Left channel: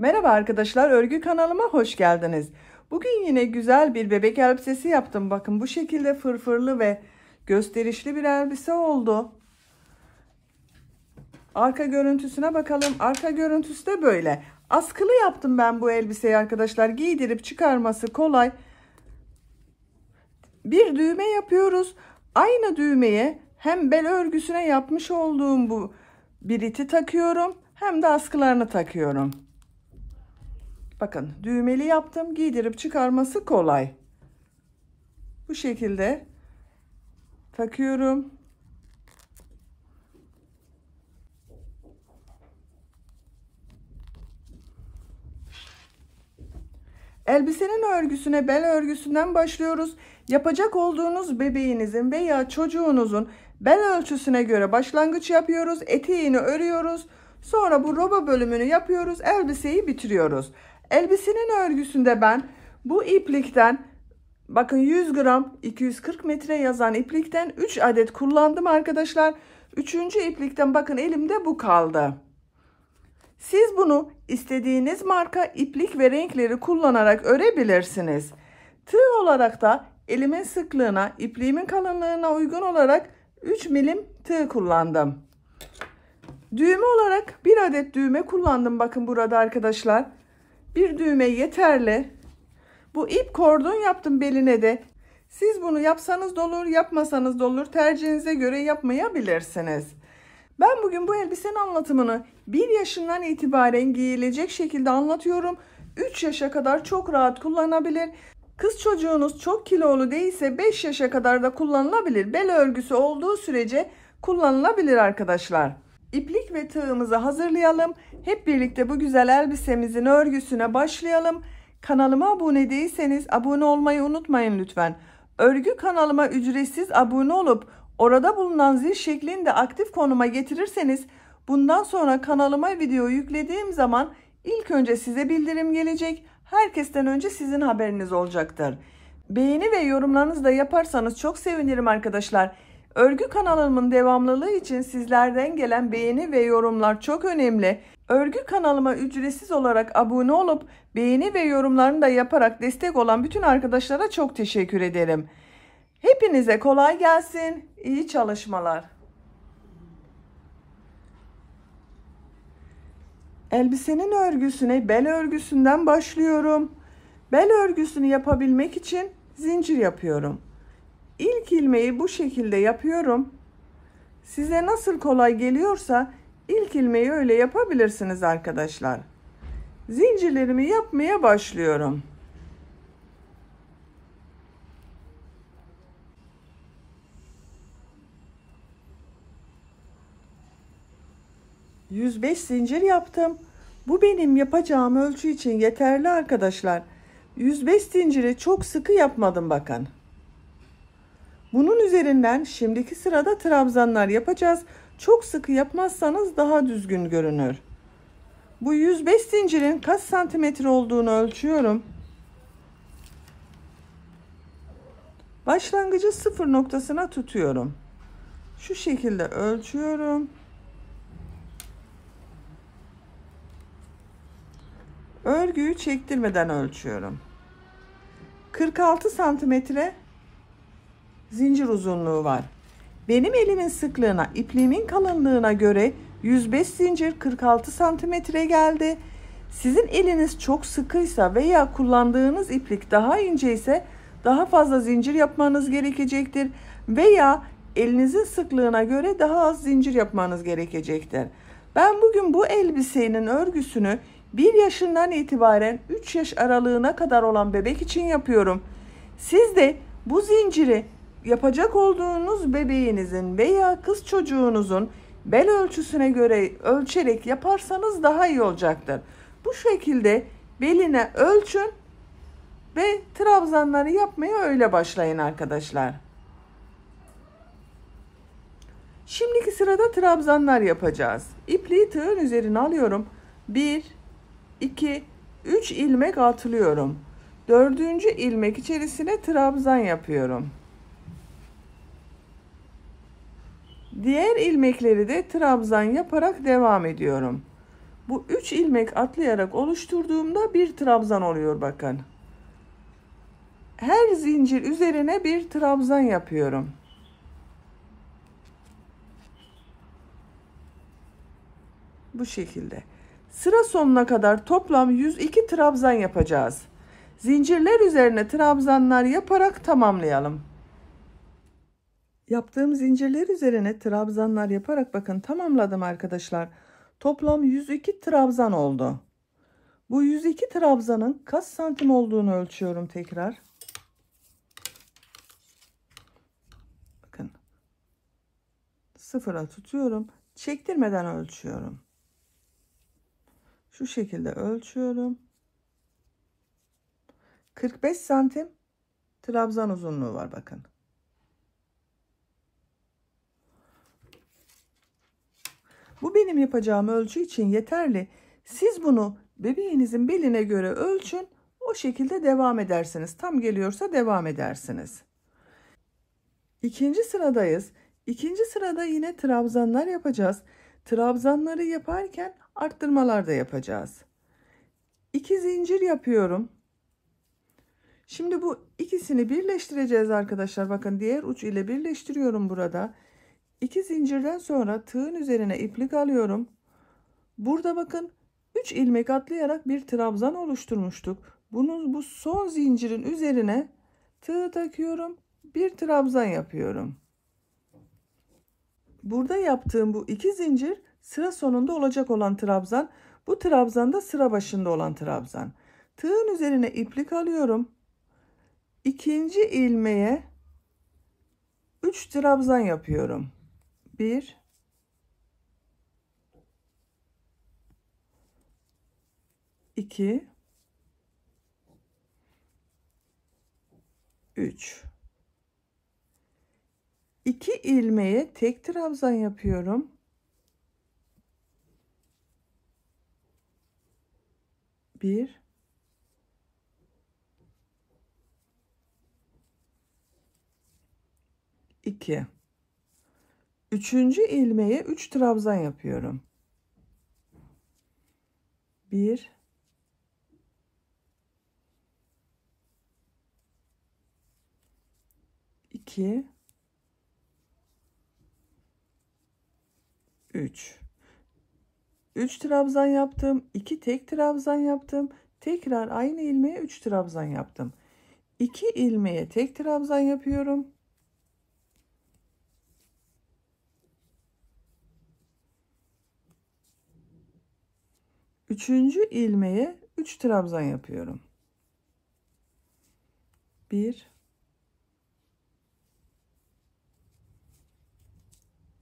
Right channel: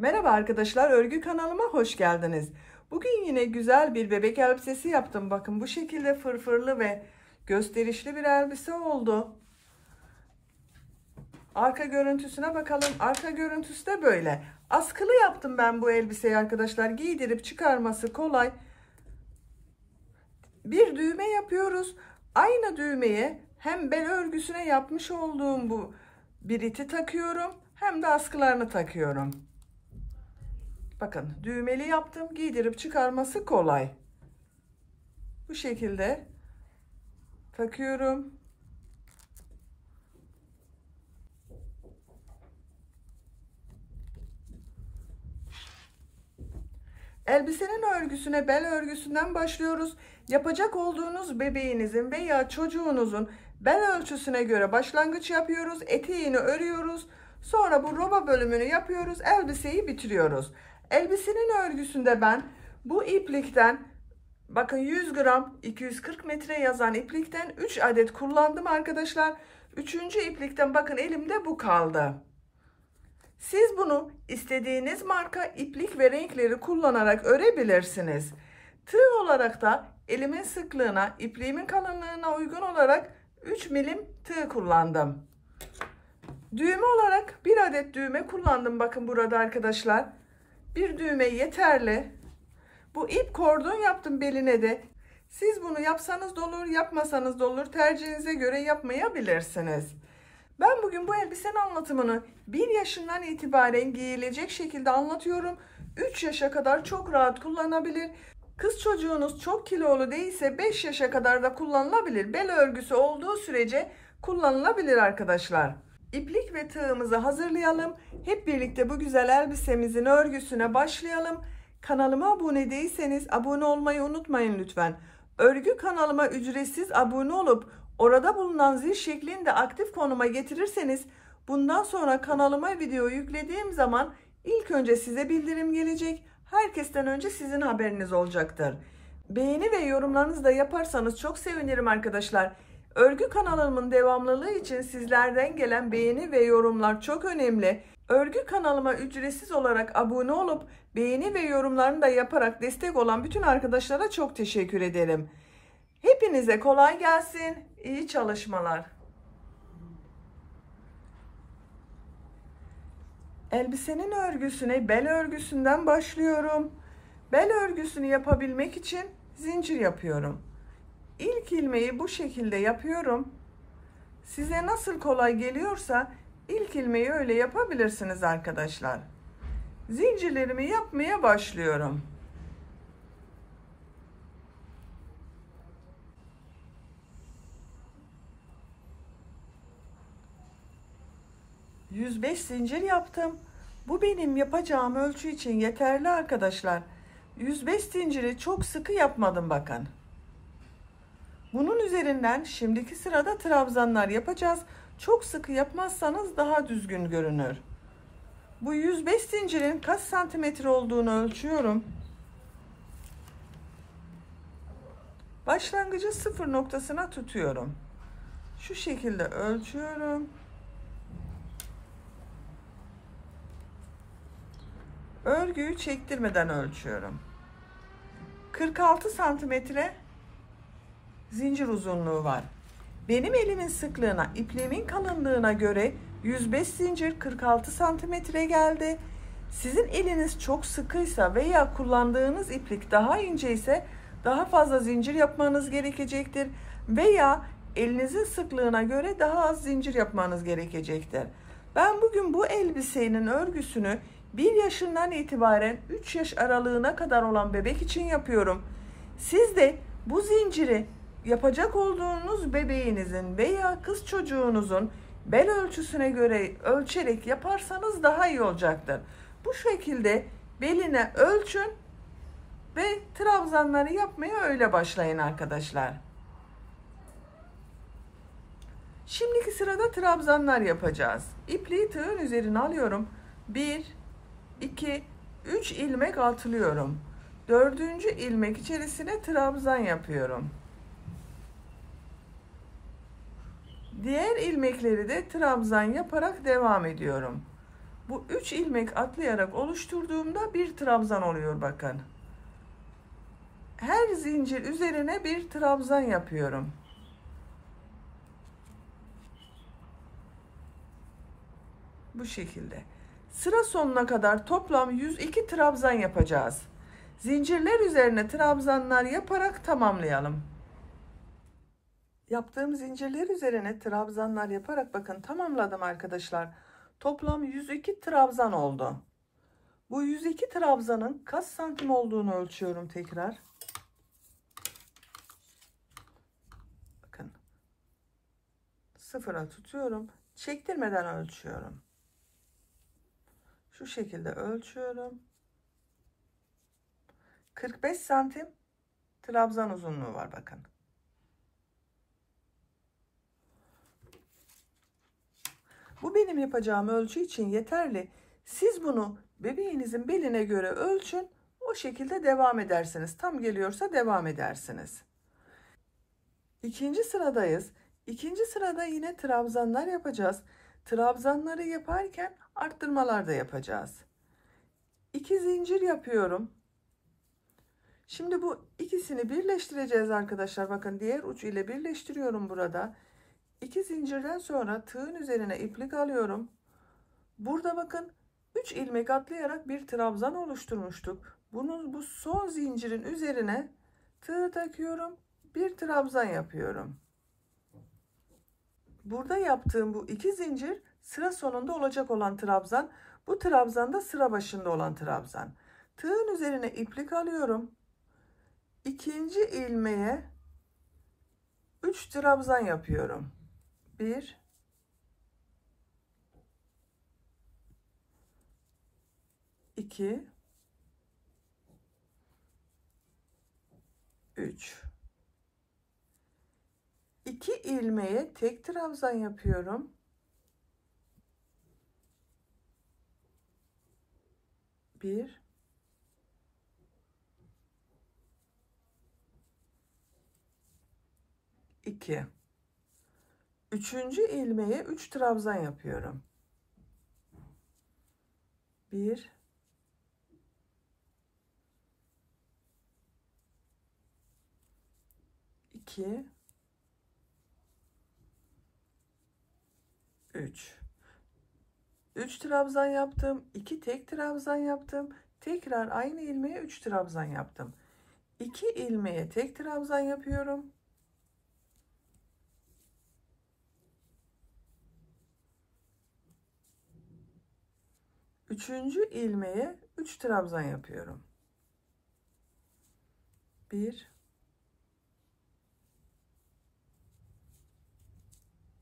Merhaba arkadaşlar, örgü kanalıma hoş geldiniz. Bugün yine güzel bir bebek elbisesi yaptım. Bakın bu şekilde fırfırlı ve gösterişli bir elbise oldu. Arka görüntüsüne bakalım. Arka görüntüsü de böyle. Askılı yaptım ben bu elbiseyi arkadaşlar. Giydirip çıkarması kolay. Bir düğme yapıyoruz. Aynı düğmeye hem bel örgüsüne yapmış olduğum bu biriti takıyorum, hem de askılarını takıyorum. Bakın düğmeli yaptım. Giydirip çıkarması kolay. Bu şekilde takıyorum. Elbisenin örgüsüne bel örgüsünden başlıyoruz. Yapacak olduğunuz bebeğinizin veya çocuğunuzun bel ölçüsüne göre başlangıç yapıyoruz. Eteğini örüyoruz. Sonra bu roba bölümünü yapıyoruz. Elbiseyi bitiriyoruz. Elbisenin örgüsünde ben bu iplikten, bakın 100 gram 240 metre yazan iplikten 3 adet kullandım arkadaşlar. Üçüncü iplikten bakın elimde bu kaldı. Siz bunu istediğiniz marka iplik ve renkleri kullanarak örebilirsiniz. Tığ olarak da elimin sıklığına, ipliğimin kalınlığına uygun olarak 3 milim tığ kullandım. Düğme olarak bir adet düğme kullandım. Bakın burada arkadaşlar. Bir düğme yeterli. Bu ip kordon yaptım beline de. Siz bunu yapsanız da olur, yapmasanız da olur. Tercihinize göre yapmayabilirsiniz. Ben bugün bu elbisenin anlatımını 1 yaşından itibaren giyilecek şekilde anlatıyorum. 3 yaşa kadar çok rahat kullanabilir. Kız çocuğunuz çok kilolu değilse 5 yaşa kadar da kullanılabilir. Bel örgüsü olduğu sürece kullanılabilir arkadaşlar. İplik ve tığımızı hazırlayalım. Hep birlikte bu güzel elbisemizin örgüsüne başlayalım. Kanalıma abone değilseniz abone olmayı unutmayın lütfen. Örgü kanalıma ücretsiz abone olup orada bulunan zil şeklinde aktif konuma getirirseniz bundan sonra kanalıma video yüklediğim zaman ilk önce size bildirim gelecek. Herkesten önce sizin haberiniz olacaktır. Beğeni ve yorumlarınızı da yaparsanız çok sevinirim arkadaşlar. Örgü kanalımın devamlılığı için sizlerden gelen beğeni ve yorumlar çok önemli. Örgü kanalıma ücretsiz olarak abone olup beğeni ve yorumlarını da yaparak destek olan bütün arkadaşlara çok teşekkür ederim. Hepinize kolay gelsin. İyi çalışmalar. Elbisenin örgüsüne bel örgüsünden başlıyorum. Bel örgüsünü yapabilmek için zincir yapıyorum. İlk ilmeği bu şekilde yapıyorum. Size nasıl kolay geliyorsa ilk ilmeği öyle yapabilirsiniz arkadaşlar. Zincirlerimi yapmaya başlıyorum. ...105 zincir yaptım. Bu benim yapacağım ölçü için yeterli arkadaşlar. 105 zinciri çok sıkı yapmadım bakın. Bunun üzerinden şimdiki sırada trabzanlar yapacağız. Çok sıkı yapmazsanız daha düzgün görünür. Bu 105 zincirin kaç santimetre olduğunu ölçüyorum. Başlangıcı sıfır noktasına tutuyorum. Şu şekilde ölçüyorum. Örgüyü çektirmeden ölçüyorum. 46 santimetre zincir uzunluğu var. Benim elimin sıklığına, ipliğimin kalınlığına göre 105 zincir 46 santimetre geldi. Sizin eliniz çok sıkıysa veya kullandığınız iplik daha ince ise daha fazla zincir yapmanız gerekecektir. Veya elinizin sıklığına göre daha az zincir yapmanız gerekecektir. Ben bugün bu elbisenin örgüsünü 1 yaşından itibaren 3 yaş aralığına kadar olan bebek için yapıyorum. Siz de bu zinciri yapacak olduğunuz bebeğinizin veya kız çocuğunuzun bel ölçüsüne göre ölçerek yaparsanız daha iyi olacaktır. Bu şekilde beline ölçün ve trabzanları yapmaya öyle başlayın arkadaşlar. Şimdiki sırada trabzanlar yapacağız. İpliği tığın üzerine alıyorum. 1, 2, 3 ilmek atlıyorum. 4. ilmek içerisine trabzan yapıyorum. Diğer ilmekleri de trabzan yaparak devam ediyorum. Bu 3 ilmek atlayarak oluşturduğumda bir trabzan oluyor bakın. Her zincir üzerine bir trabzan yapıyorum. Bu şekilde. Sıra sonuna kadar toplam 102 trabzan yapacağız. Zincirler üzerine trabzanlar yaparak tamamlayalım. Yaptığım zincirler üzerine trabzanlar yaparak bakın tamamladım arkadaşlar. Toplam 102 trabzan oldu. Bu 102 trabzanın kaç santim olduğunu ölçüyorum tekrar. Bakın. Sıfıra tutuyorum. Çektirmeden ölçüyorum. Şu şekilde ölçüyorum. 45 santim trabzan uzunluğu var bakın. Bu benim yapacağım ölçü için yeterli. Siz bunu bebeğinizin beline göre ölçün. O şekilde devam edersiniz. Tam geliyorsa devam edersiniz. İkinci sıradayız. İkinci sırada yine trabzanlar yapacağız. Trabzanları yaparken arttırmalar da yapacağız. 2 zincir yapıyorum. Şimdi bu ikisini birleştireceğiz arkadaşlar. Bakın diğer uç ile birleştiriyorum burada. 2 zincirden sonra tığın üzerine iplik alıyorum. Burada bakın 3 ilmek atlayarak bir trabzan oluşturmuştuk. Bu son zincirin üzerine tığ takıyorum. Bir trabzan yapıyorum. Burada yaptığım bu 2 zincir sıra sonunda olacak olan trabzan. Bu trabzan da sıra başında olan trabzan. Tığın üzerine iplik alıyorum. İkinci ilmeğe 3 trabzan yapıyorum. 1 2 3 2 ilmeğe tek trabzan yapıyorum. 1 2 üçüncü ilmeğe 3 trabzan yapıyorum. 1 2 3 3 trabzan yaptım. 2 tek trabzan yaptım. Tekrar aynı ilmeğe 3 trabzan yaptım. 2 ilmeğe tek trabzan yapıyorum. 3. ilmeğe 3 trabzan yapıyorum. 1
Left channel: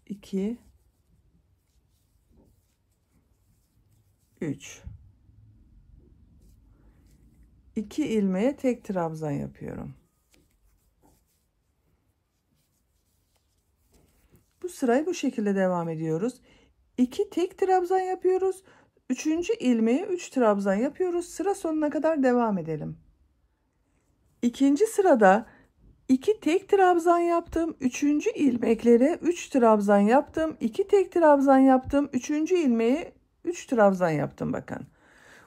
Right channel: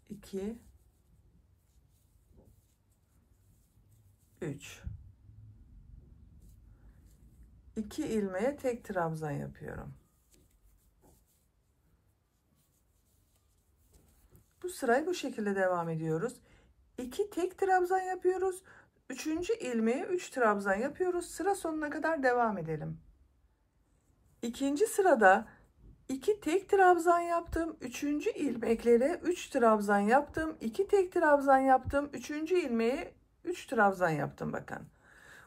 2 3 2 ilmeğe tek trabzan yapıyorum. Bu sırayı bu şekilde devam ediyoruz. 2 tek trabzan yapıyoruz. 3. ilmeğe 3 trabzan yapıyoruz. Sıra sonuna kadar devam edelim. İkinci sırada 2 tek trabzan yaptım. 3. ilmeklere 3 trabzan yaptım. 2 tek trabzan yaptım. 3. ilmeğe 3 trabzan yaptım bakın.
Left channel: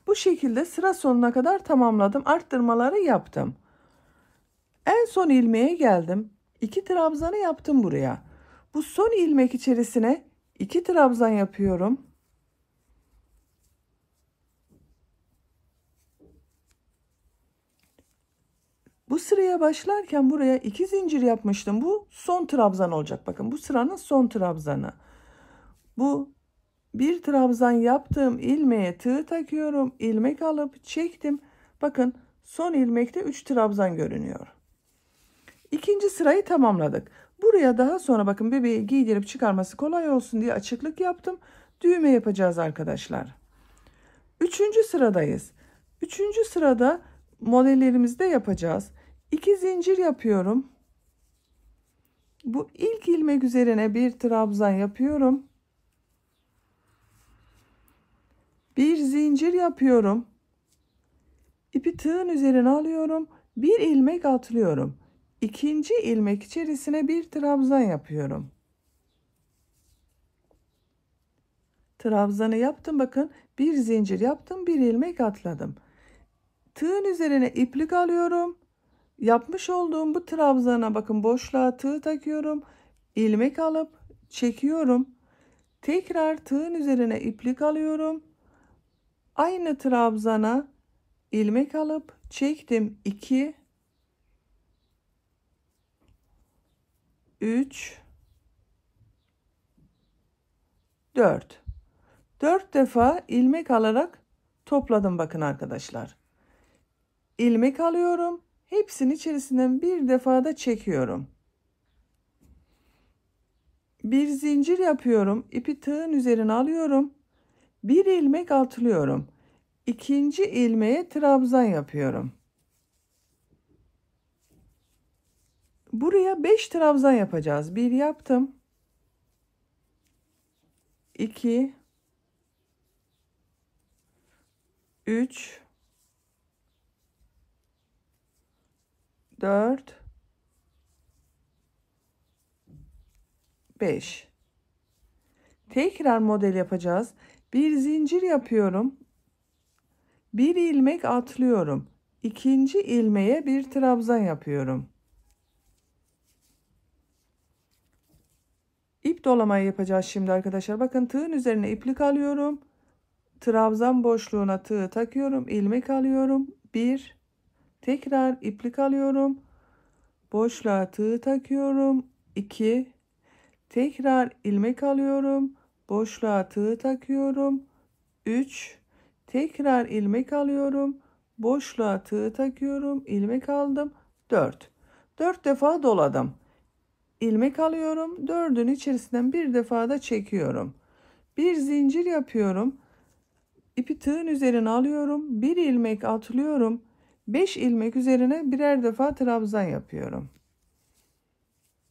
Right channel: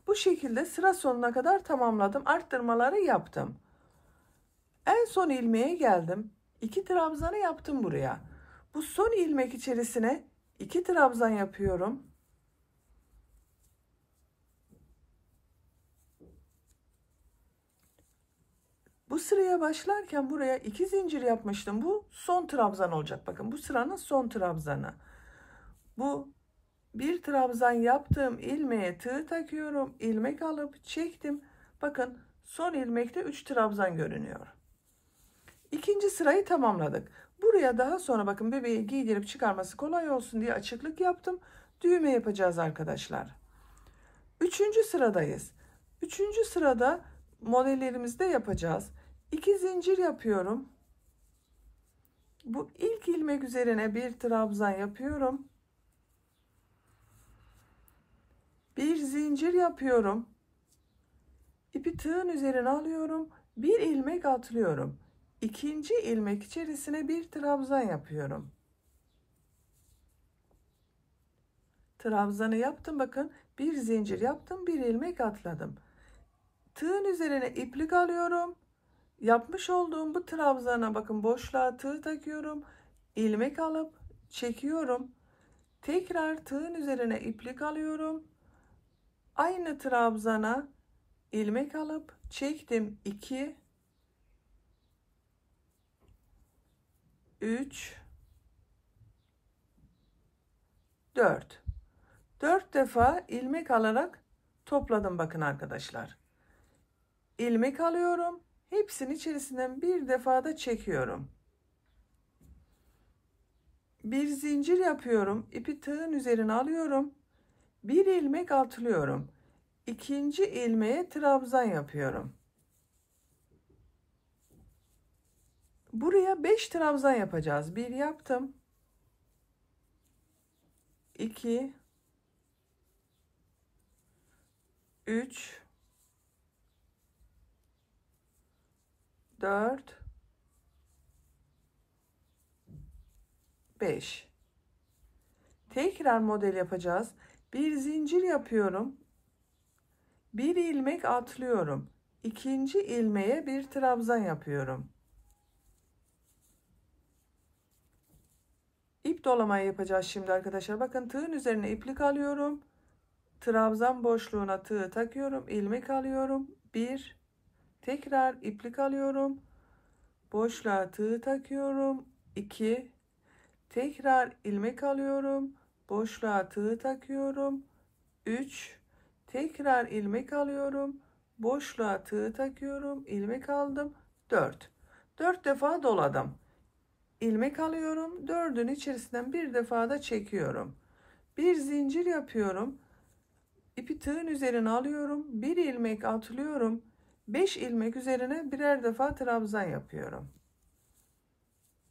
Bu şekilde sıra sonuna kadar tamamladım. Arttırmaları yaptım. En son ilmeğe geldim. 2 trabzanı yaptım buraya. Bu son ilmek içerisine 2 trabzan yapıyorum. Bu sıraya başlarken buraya 2 zincir yapmıştım. Bu son trabzan olacak. Bakın bu sıranın son trabzanı. Bu bir trabzan yaptığım ilmeğe tığ takıyorum. İlmek alıp çektim. Bakın son ilmekte 3 trabzan görünüyor. İkinci sırayı tamamladık. Buraya daha sonra bakın bebeği giydirip çıkarması kolay olsun diye açıklık yaptım. Düğme yapacağız arkadaşlar. Üçüncü sıradayız. Üçüncü sırada modellerimizde yapacağız. 2 zincir yapıyorum. Bu ilk ilmek üzerine bir trabzan yapıyorum. Bir zincir yapıyorum. İpi tığın üzerine alıyorum. Bir ilmek atlıyorum. İkinci ilmek içerisine bir trabzan yapıyorum. Trabzanı yaptım, bakın bir zincir yaptım, bir ilmek atladım. Tığın üzerine iplik alıyorum. Yapmış olduğum bu trabzana bakın, boşluğa tığ takıyorum. İlmek alıp çekiyorum. Tekrar tığın üzerine iplik alıyorum. Aynı trabzana ilmek alıp çektim. 2 3 4 4 defa ilmek alarak topladım bakın arkadaşlar. İlmek alıyorum. Hepsinin içerisinden bir defa da çekiyorum. Bir zincir yapıyorum. İpi tığın üzerine alıyorum. Bir ilmek atlıyorum. İkinci ilmeğe trabzan yapıyorum. Buraya 5 trabzan yapacağız. 1 yaptım. 2 3 4 5. Tekrar model yapacağız. Bir zincir yapıyorum. Bir ilmek atlıyorum. İkinci ilmeğe bir trabzan yapıyorum. İp dolamayı yapacağız şimdi arkadaşlar. Bakın tığın üzerine iplik alıyorum. Trabzan boşluğuna tığ takıyorum. İlmek alıyorum. 1. Tekrar iplik alıyorum. Boşluğa tığ takıyorum. 2. Tekrar ilmek alıyorum. Boşluğa tığ takıyorum. 3. Tekrar ilmek alıyorum. Boşluğa tığ takıyorum. İlmek aldım. 4. 4 defa doladım. İlmek alıyorum. 4'ün içerisinden bir defa da çekiyorum. Bir zincir yapıyorum. İpi tığın üzerine alıyorum. Bir ilmek atlıyorum. 5 ilmek üzerine birer defa trabzan yapıyorum.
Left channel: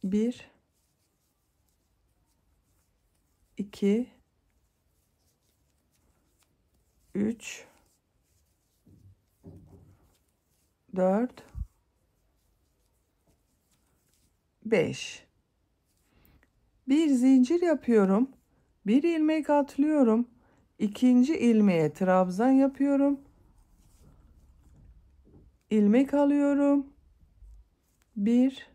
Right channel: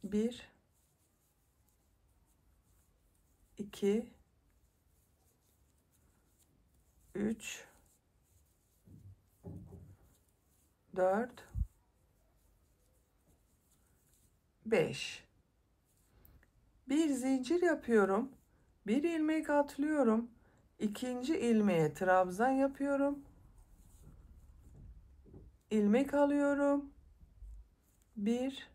1 2 3 4 5. Bir zincir yapıyorum. Bir ilmek atlıyorum. İkinci ilmeğe trabzan yapıyorum. İlmek alıyorum. 1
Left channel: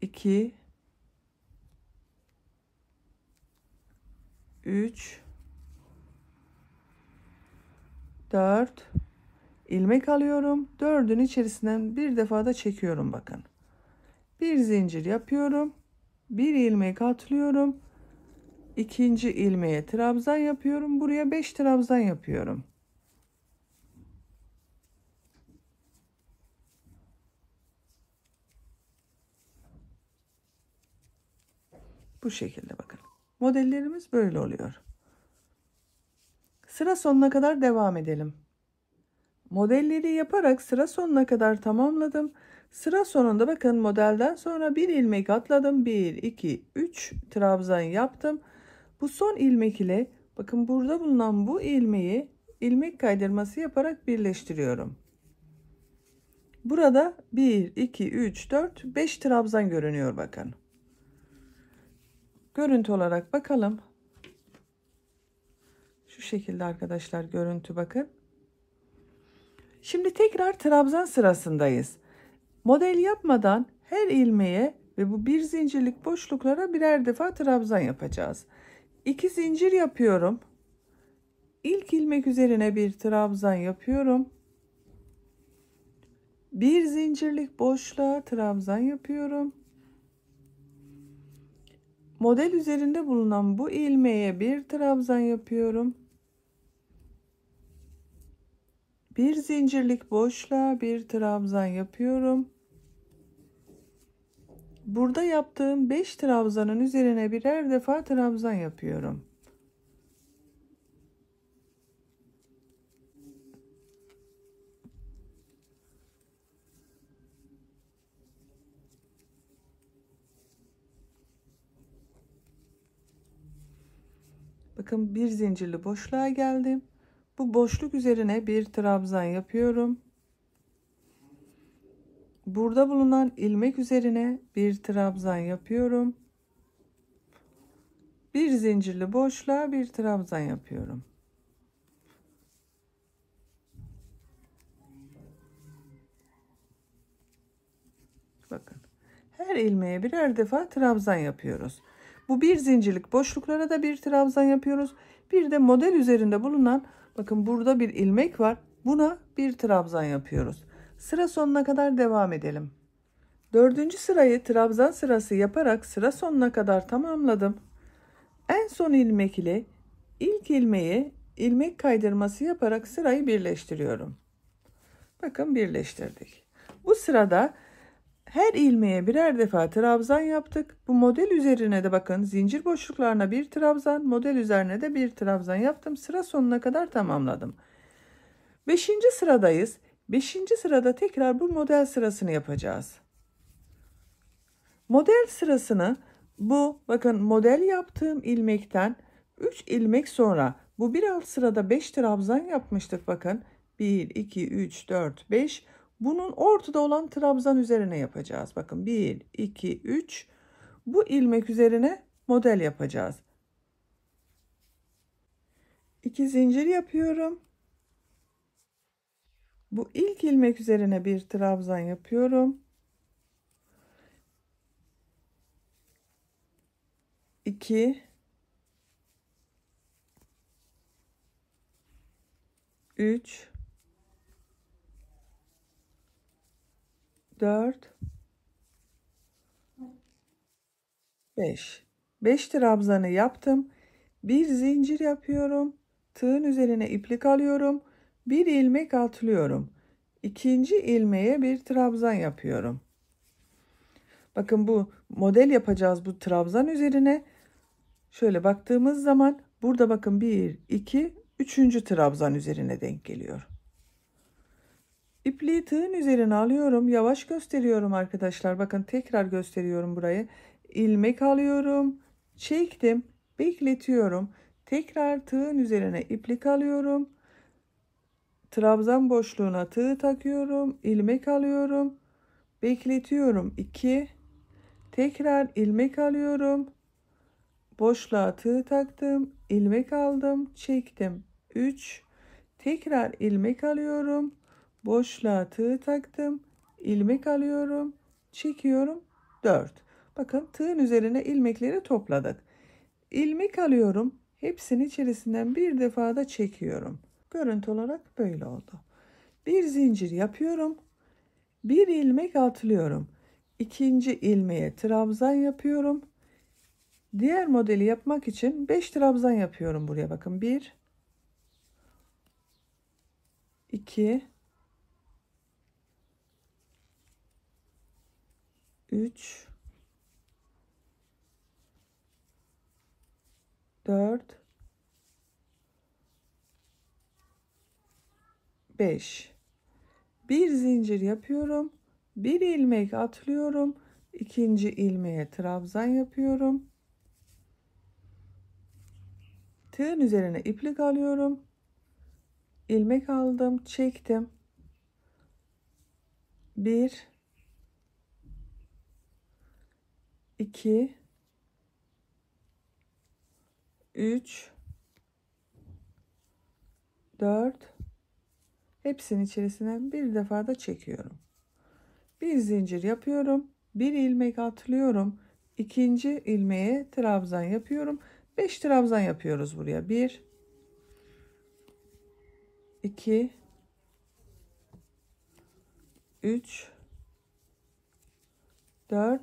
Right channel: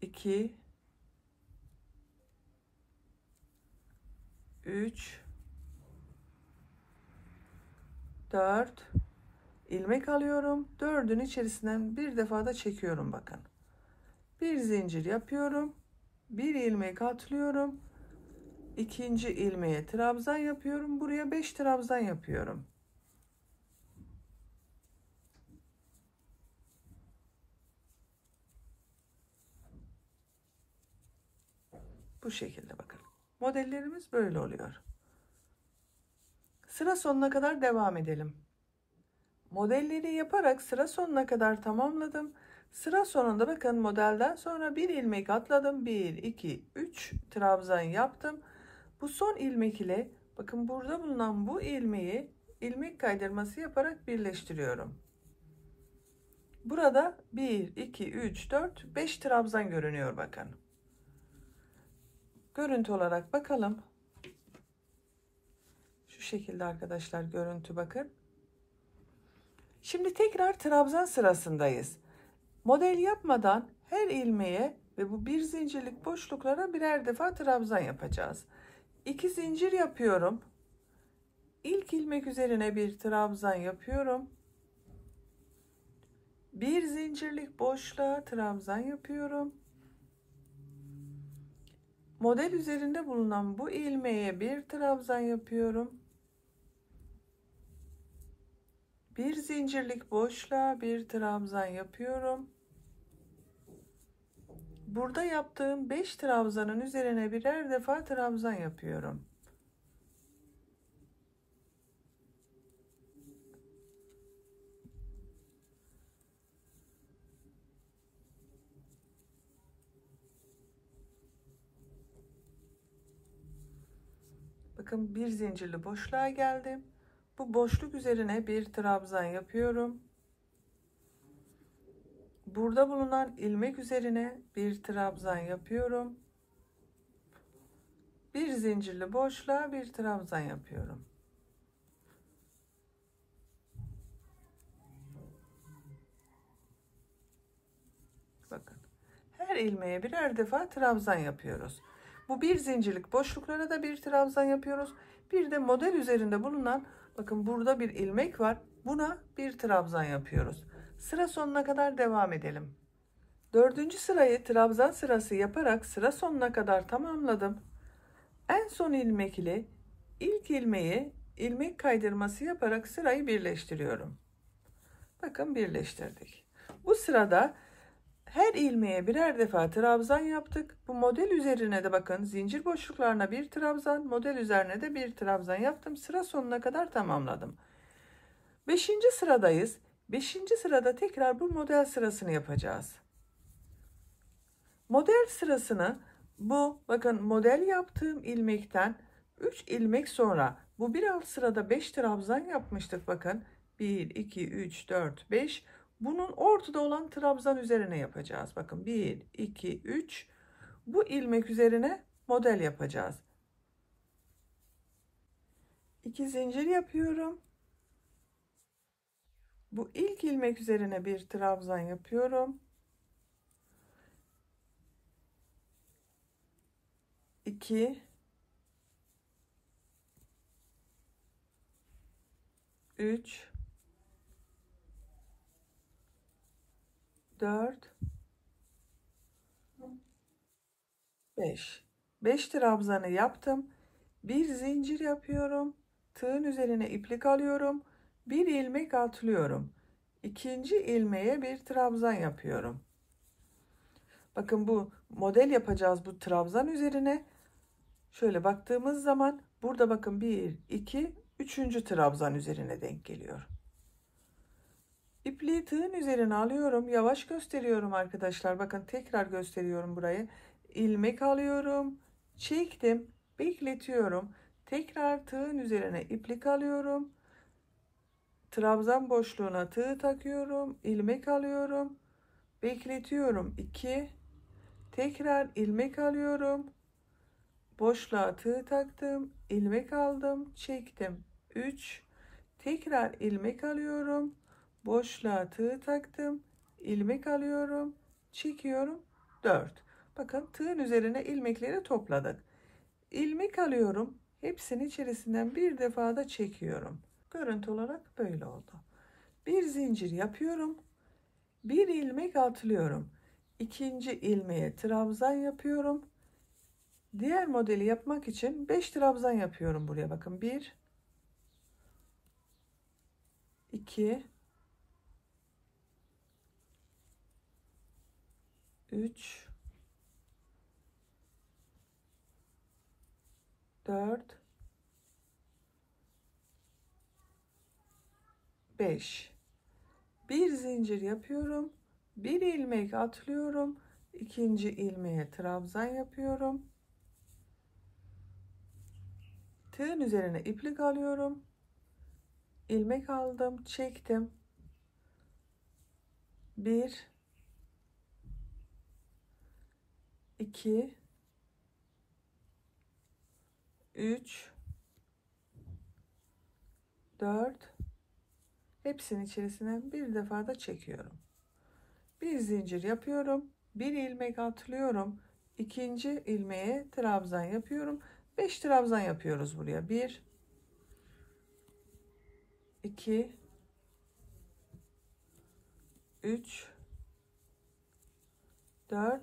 2 3 4 ilmek alıyorum. 4'ün içerisinden bir defa da çekiyorum bakın. Bir zincir yapıyorum. Bir ilmek atlıyorum. İkinci ilmeğe trabzan yapıyorum. Buraya 5 trabzan yapıyorum. Bu şekilde bakın. Modellerimiz böyle oluyor. Sıra sonuna kadar devam edelim. Modelleri yaparak sıra sonuna kadar tamamladım. Sıra sonunda bakın modelden sonra bir ilmek atladım. 1 2 3 trabzan yaptım. Bu son ilmek ile bakın burada bulunan bu ilmeği ilmek kaydırması yaparak birleştiriyorum. Burada 1 2 3 4 5 trabzan görünüyor bakın. Görüntü olarak bakalım. Şu şekilde arkadaşlar, görüntü bakın. Şimdi tekrar trabzan sırasındayız. Model yapmadan her ilmeğe ve bu bir zincirlik boşluklara birer defa trabzan yapacağız. 2 zincir yapıyorum. İlk ilmek üzerine bir trabzan yapıyorum. Bir zincirlik boşluğa trabzan yapıyorum. Model üzerinde bulunan bu ilmeğe bir trabzan yapıyorum. Bir zincirlik boşluğa bir trabzan yapıyorum. Burada yaptığım 5 trabzanın üzerine birer defa trabzan yapıyorum. Bakın bir zincirli boşluğa geldim. Bu boşluk üzerine bir trabzan yapıyorum. Burada bulunan ilmek üzerine bir trabzan yapıyorum. Bir zincirli boşluğa bir trabzan yapıyorum. Bakın. Her ilmeğe birer defa trabzan yapıyoruz. Bu bir zincirlik boşluklara da bir trabzan yapıyoruz. Bir de model üzerinde bulunan, bakın burada bir ilmek var. Buna bir trabzan yapıyoruz. Sıra sonuna kadar devam edelim. Dördüncü sırayı trabzan sırası yaparak sıra sonuna kadar tamamladım. En son ilmek ile ilk ilmeği ilmek kaydırması yaparak sırayı birleştiriyorum. Bakın birleştirdik. Bu sırada her ilmeğe birer defa trabzan yaptık. Bu model üzerine de bakın zincir boşluklarına bir trabzan, model üzerine de bir trabzan yaptım. Sıra sonuna kadar tamamladım. 5. sıradayız. 5. sırada tekrar bu model sırasını yapacağız. Model sırasını bu bakın model yaptığım ilmekten 3 ilmek sonra bu bir alt sırada 5 trabzan yapmıştık bakın. 1, 2, 3, 4, 5. Bunun ortada olan trabzan üzerine yapacağız. Bakın 1, 2, 3. Bu ilmek üzerine model yapacağız. 2 zincir yapıyorum. Bu ilk ilmek üzerine bir trabzan yapıyorum. 2, 3, 4, 5. 5 trabzanı yaptım. Bir zincir yapıyorum. Tığın üzerine iplik alıyorum. Bir ilmek atlıyorum. İkinci ilmeğe bir trabzan yapıyorum. Bakın bu model yapacağız bu trabzan üzerine. Şöyle baktığımız zaman burada bakın 1, 2, 3. trabzan üzerine denk geliyor. İpliği tığın üzerine alıyorum. Yavaş gösteriyorum arkadaşlar. Bakın tekrar gösteriyorum burayı. İlmek alıyorum. Çektim. Bekletiyorum. Tekrar tığın üzerine iplik alıyorum. Trabzan boşluğuna tığ takıyorum. İlmek alıyorum. Bekletiyorum. 2. Tekrar ilmek alıyorum. Boşluğa tığ taktım. İlmek aldım. Çektim. 3. Tekrar ilmek alıyorum. Boşluğa tığ taktım. İlmek alıyorum. Çekiyorum. 4. Bakın tığın üzerine ilmekleri topladık. İlmek alıyorum. Hepsinin içerisinden bir defa da çekiyorum. Görüntü olarak böyle oldu. Bir zincir yapıyorum. Bir ilmek atlıyorum. İkinci ilmeğe trabzan yapıyorum. Diğer modeli yapmak için 5 trabzan yapıyorum buraya. Bakın 1, 2, 3, 4, 5. Bir zincir yapıyorum. Bir ilmek atlıyorum. İkinci ilmeğe trabzan yapıyorum. Tığın üzerine iplik alıyorum. İlmek aldım, çektim. 1, 2, 3, 4. Hepsinin içerisinden bir defa da çekiyorum. Bir zincir yapıyorum. Bir ilmek atlıyorum. İkinci ilmeğe trabzan yapıyorum. 5 trabzan yapıyoruz buraya. 1, 2, 3, 4,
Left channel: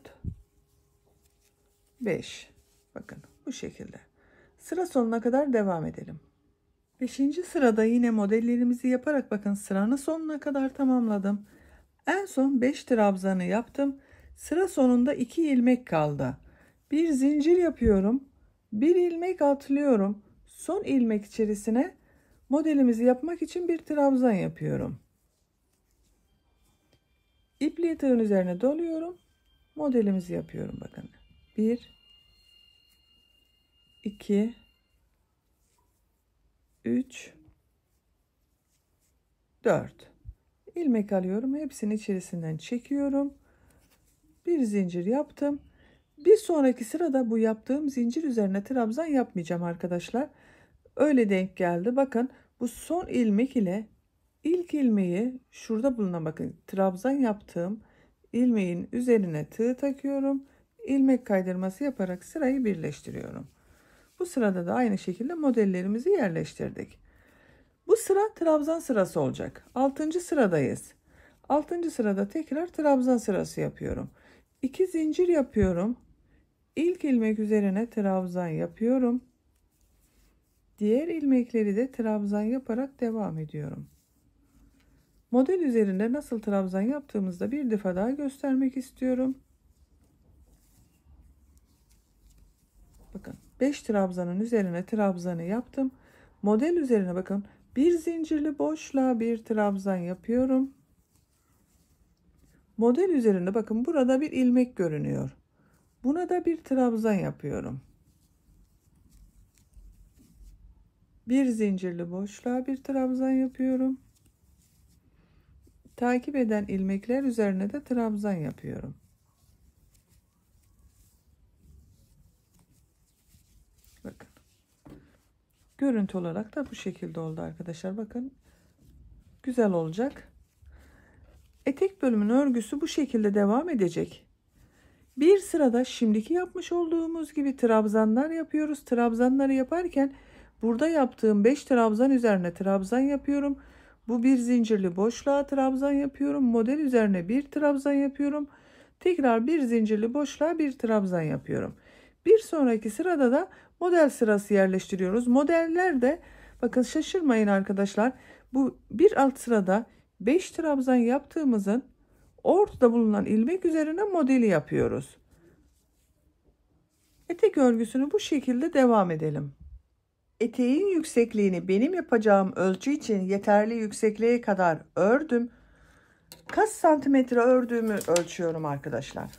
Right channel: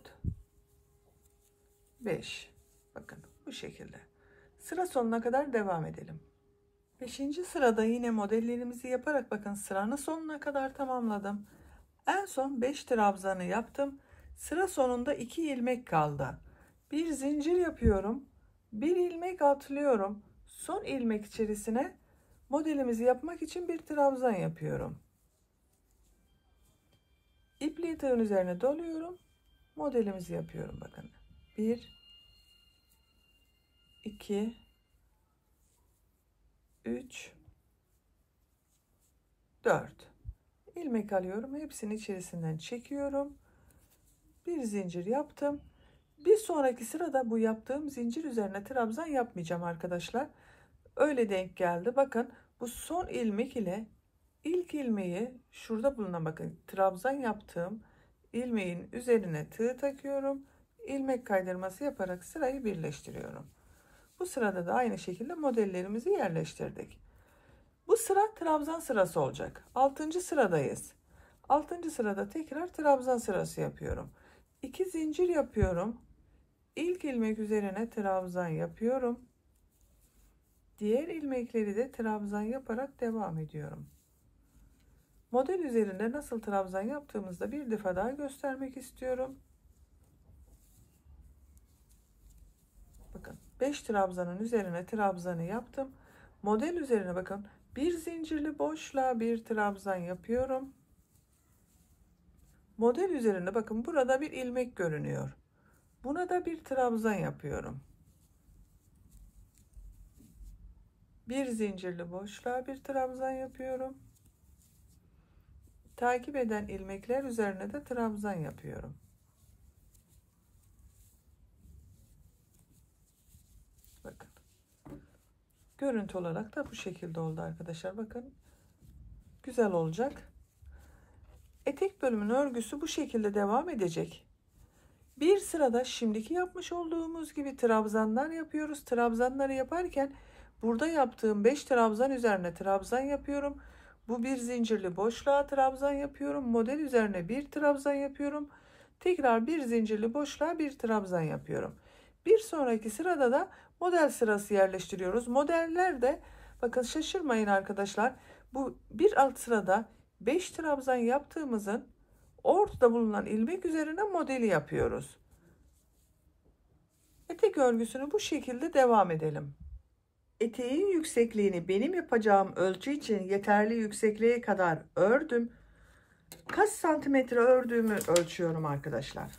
5. Bakın bu şekilde. Sıra sonuna kadar devam edelim. 5. sırada yine modellerimizi yaparak bakın sıranın sonuna kadar tamamladım. En son 5 trabzanı yaptım. Sıra sonunda 2 ilmek kaldı. Bir zincir yapıyorum. Bir ilmek atlıyorum. Son ilmek içerisine modelimizi yapmak için bir trabzan yapıyorum. İpliği tığın üzerine doluyorum. Modelimizi yapıyorum bakın. 1, 2, 3, 4. ilmek alıyorum. Hepsini içerisinden çekiyorum. Bir zincir yaptım. Bir sonraki sırada bu yaptığım zincir üzerine trabzan yapmayacağım arkadaşlar. Öyle denk geldi. Bakın bu son ilmek ile ilk ilmeği şurada bulunan, bakın trabzan yaptığım ilmeğin üzerine tığ takıyorum. İlmek kaydırması yaparak sırayı birleştiriyorum. Bu sırada da aynı şekilde modellerimizi yerleştirdik. Bu sıra trabzan sırası olacak. 6. sıradayız. 6. sırada tekrar trabzan sırası yapıyorum. 2 zincir yapıyorum. İlk ilmek üzerine trabzan yapıyorum. Diğer ilmekleri de trabzan yaparak devam ediyorum. Model üzerinde nasıl trabzan yaptığımızda bir defa daha göstermek istiyorum. Bakın 5 trabzanın üzerine trabzanı yaptım. Model üzerine bakın bir zincirli boşluğa bir trabzan yapıyorum. Model üzerinde bakın burada bir ilmek görünüyor. Buna da bir trabzan yapıyorum. Bir zincirli boşluğa bir trabzan yapıyorum. Takip eden ilmekler üzerine de trabzan yapıyorum. Bakın. Görüntü olarak da bu şekilde oldu arkadaşlar. Bakın. Güzel olacak. Etek bölümünün örgüsü bu şekilde devam edecek. Bir sırada şimdiki yapmış olduğumuz gibi trabzanlar yapıyoruz. Trabzanları yaparken burada yaptığım 5 trabzan üzerine trabzan yapıyorum. Bu bir zincirli boşluğa trabzan yapıyorum. Model üzerine bir trabzan yapıyorum. Tekrar bir zincirli boşluğa bir trabzan yapıyorum. Bir sonraki sırada da model sırası yerleştiriyoruz. Modellerde bakın şaşırmayın arkadaşlar. Bu bir alt sırada 5 trabzan yaptığımızın ortada bulunan ilmek üzerine modeli yapıyoruz. Etek örgüsünü bu şekilde devam edelim. Eteğin yüksekliğini benim yapacağım ölçü için yeterli yüksekliğe kadar ördüm. Kaç santimetre ördüğümü ölçüyorum arkadaşlar.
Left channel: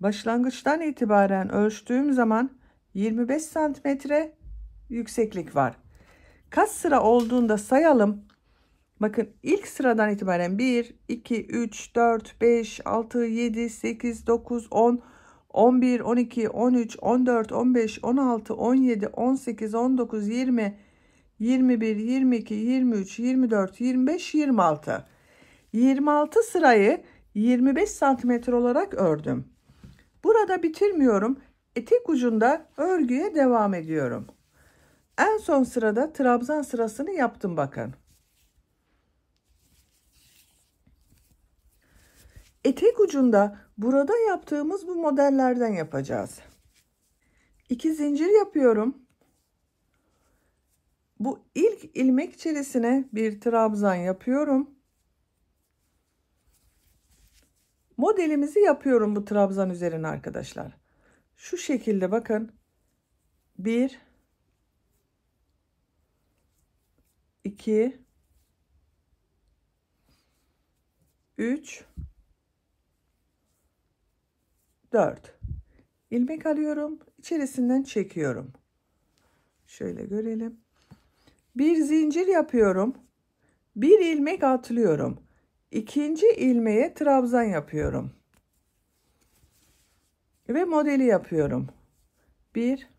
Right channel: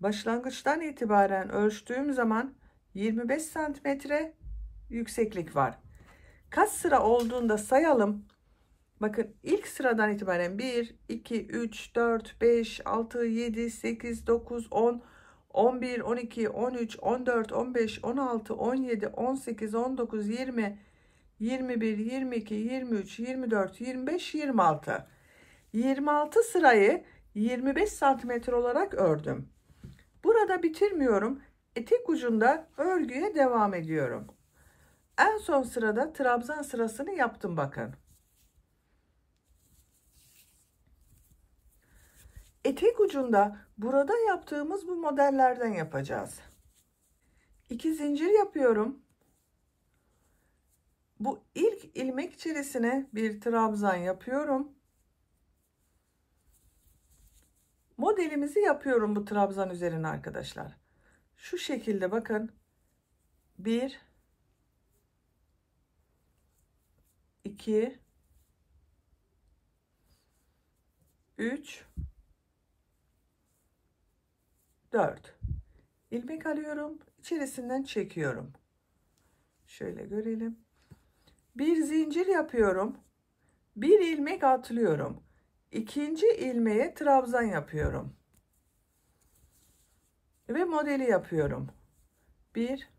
Başlangıçtan itibaren ölçtüğüm zaman 25 santimetre yükseklik var. Kaç sıra olduğunda sayalım. Bakın ilk sıradan itibaren 1, 2, 3, 4, 5, 6, 7, 8, 9, 10, 11, 12, 13, 14, 15, 16, 17, 18, 19, 20, 21, 22, 23, 24, 25, 26. 26 sırayı 25 santimetre olarak ördüm. Burada bitirmiyorum. Etek ucunda örgüye devam ediyorum. En son sırada trabzan sırasını yaptım bakın. Etek ucunda burada yaptığımız bu modellerden yapacağız. 2 zincir yapıyorum. Bu ilk ilmek içerisine bir trabzan yapıyorum. Modelimizi yapıyorum bu trabzan üzerine arkadaşlar. Şu şekilde bakın. 1 2 3 4 ilmek alıyorum, içerisinden çekiyorum. Şöyle görelim. Bir zincir yapıyorum. Bir ilmek atlıyorum. İkinci ilmeğe trabzan yapıyorum. Ve modeli yapıyorum. 1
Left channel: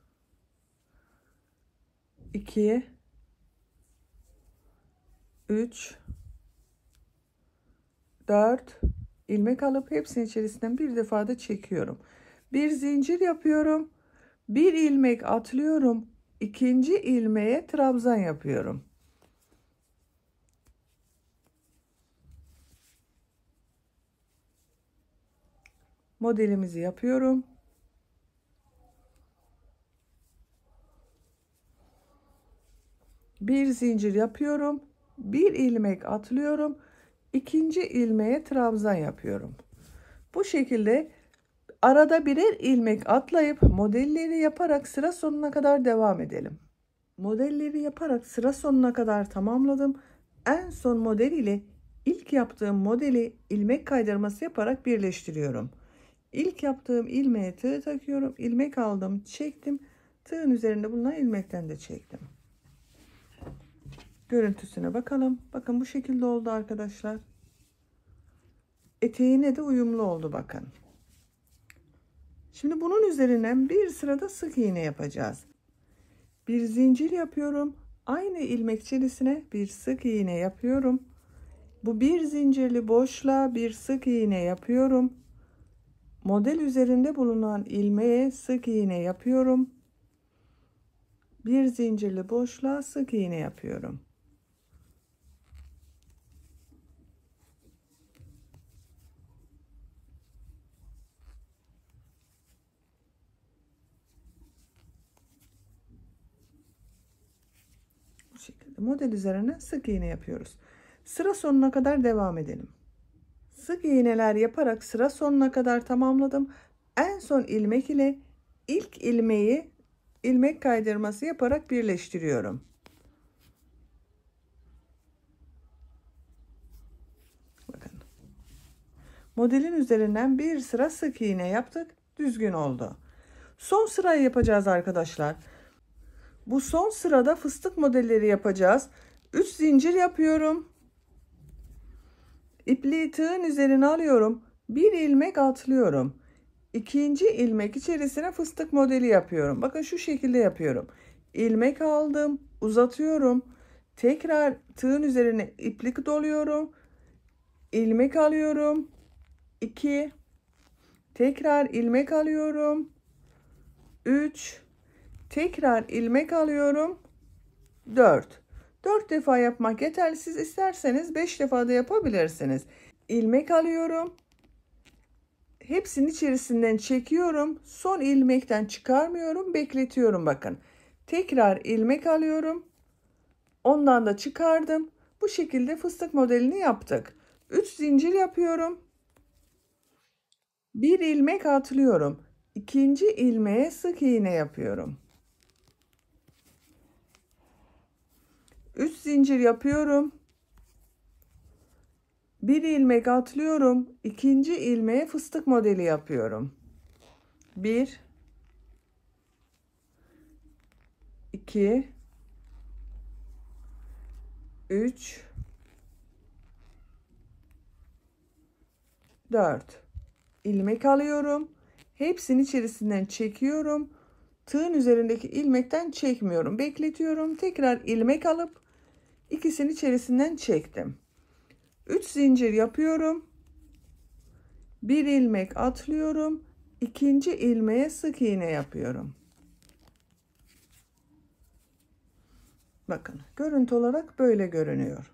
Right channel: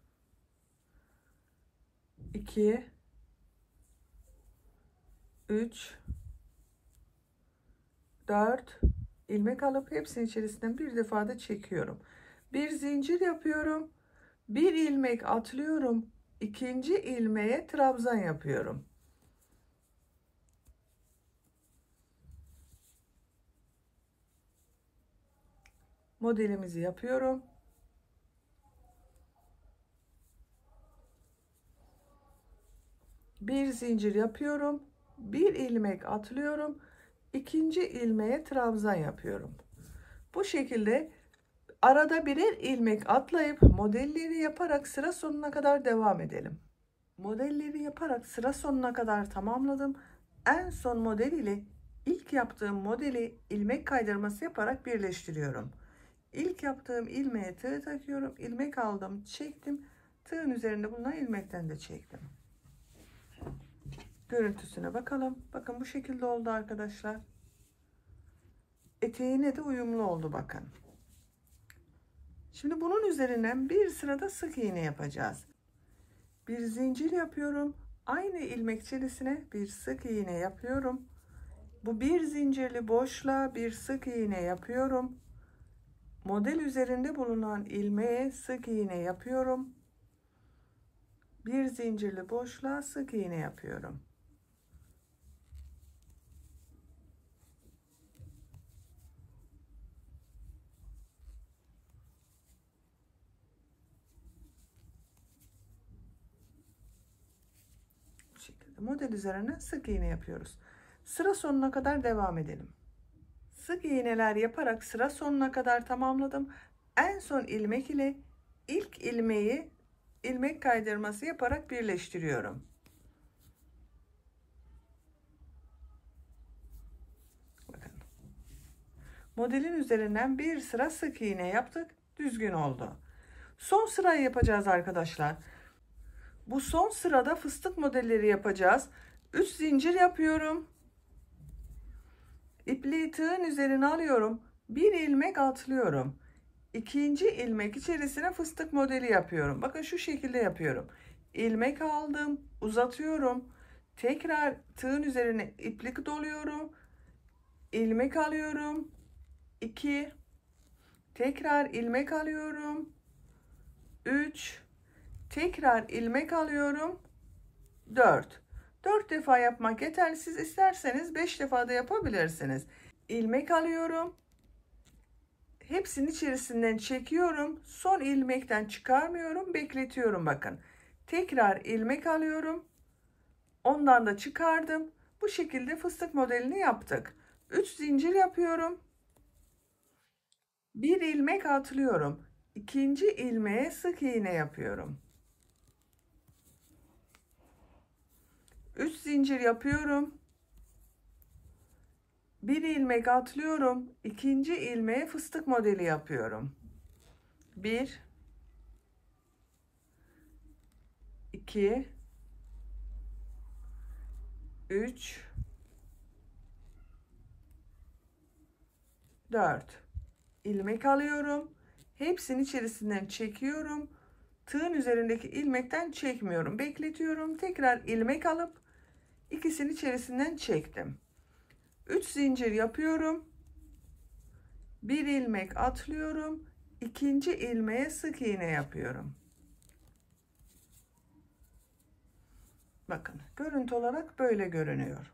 2 3 4 ilmek alıp hepsinin içerisinden bir defa da çekiyorum. Bir zincir yapıyorum. Bir ilmek atlıyorum. İkinci ilmeğe trabzan yapıyorum. Modelimizi yapıyorum. Bir zincir yapıyorum. Bir ilmek atlıyorum. İkinci ilmeğe trabzan yapıyorum. Bu şekilde arada birer ilmek atlayıp modelleri yaparak sıra sonuna kadar devam edelim. Modelleri yaparak sıra sonuna kadar tamamladım. En son model ile ilk yaptığım modeli ilmek kaydırması yaparak birleştiriyorum. İlk yaptığım ilmeğe tığ takıyorum. İlmek aldım, çektim. Tığın üzerinde bulunan ilmekten de çektim. Görüntüsüne bakalım. Bakın bu şekilde oldu arkadaşlar. Eteğine de uyumlu oldu bakın. Şimdi bunun üzerinden bir sırada sık iğne yapacağız. Bir zincir yapıyorum. Aynı ilmek içerisine bir sık iğne yapıyorum. Bu bir zincirli boşluğa bir sık iğne yapıyorum. Model üzerinde bulunan ilmeğe sık iğne yapıyorum. Bir zincirli boşluğa sık iğne yapıyorum. Bu şekilde model üzerine sık iğne yapıyoruz. Sıra sonuna kadar devam edelim. Sık iğneler yaparak sıra sonuna kadar tamamladım. En son ilmek ile ilk ilmeği ilmek kaydırması yaparak birleştiriyorum. Bakın. Modelin üzerinden bir sıra sık iğne yaptık. Düzgün oldu. Son sırayı yapacağız arkadaşlar. Bu son sırada fıstık modelleri yapacağız. 3 zincir yapıyorum. İpliği tığın üzerine alıyorum. Bir ilmek atlıyorum. İkinci ilmek içerisine fıstık modeli yapıyorum. Bakın şu şekilde yapıyorum. İlmek aldım, uzatıyorum. Tekrar tığın üzerine iplik doluyorum. İlmek alıyorum. 2, tekrar ilmek alıyorum. 3, tekrar ilmek alıyorum. 4. 4 defa yapmak yeterli. Siz isterseniz 5 defa da yapabilirsiniz. İlmek alıyorum. Hepsinin içerisinden çekiyorum. Son ilmekten çıkarmıyorum. Bekletiyorum bakın. Tekrar ilmek alıyorum. Ondan da çıkardım. Bu şekilde fıstık modelini yaptık. 3 zincir yapıyorum. Bir ilmek atlıyorum. İkinci ilmeğe sık iğne yapıyorum. 3 zincir yapıyorum. Bir ilmek atlıyorum. İkinci ilmeğe fıstık modeli yapıyorum. 1, 2, 3, 4. İlmek alıyorum. Hepsinin içerisinden çekiyorum. Tığın üzerindeki ilmekten çekmiyorum. Bekletiyorum. Tekrar ilmek alıp ikisinin içerisinden çektim. 3 zincir yapıyorum. Bir ilmek atlıyorum. İkinci ilmeğe sık iğne yapıyorum. Bakın görüntü olarak böyle görünüyor.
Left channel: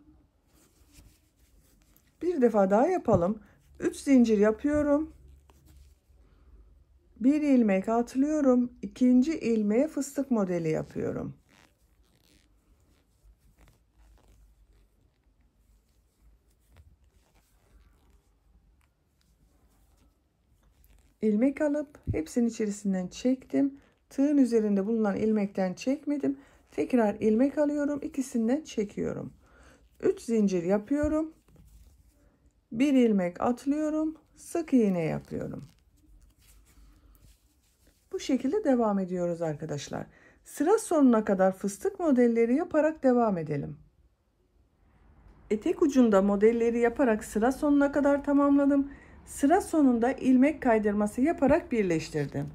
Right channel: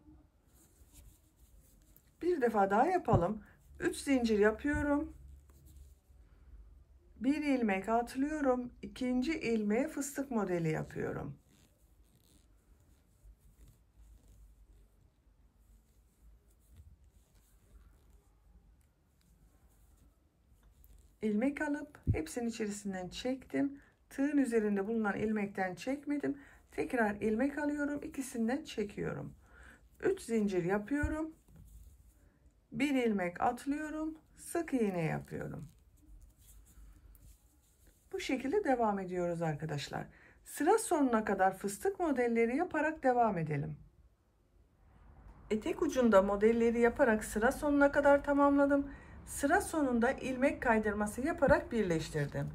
Bir defa daha yapalım. 3 zincir yapıyorum. Bir ilmek atlıyorum. İkinci ilmeğe fıstık modeli yapıyorum. İlmek alıp hepsinin içerisinden çektim. Tığın üzerinde bulunan ilmekten çekmedim. Tekrar ilmek alıyorum. İkisinden çekiyorum. 3 zincir yapıyorum. Bir ilmek atlıyorum. Sık iğne yapıyorum. Bu şekilde devam ediyoruz arkadaşlar. Sıra sonuna kadar fıstık modelleri yaparak devam edelim. Etek ucunda modelleri yaparak sıra sonuna kadar tamamladım. Sıra sonunda ilmek kaydırması yaparak birleştirdim.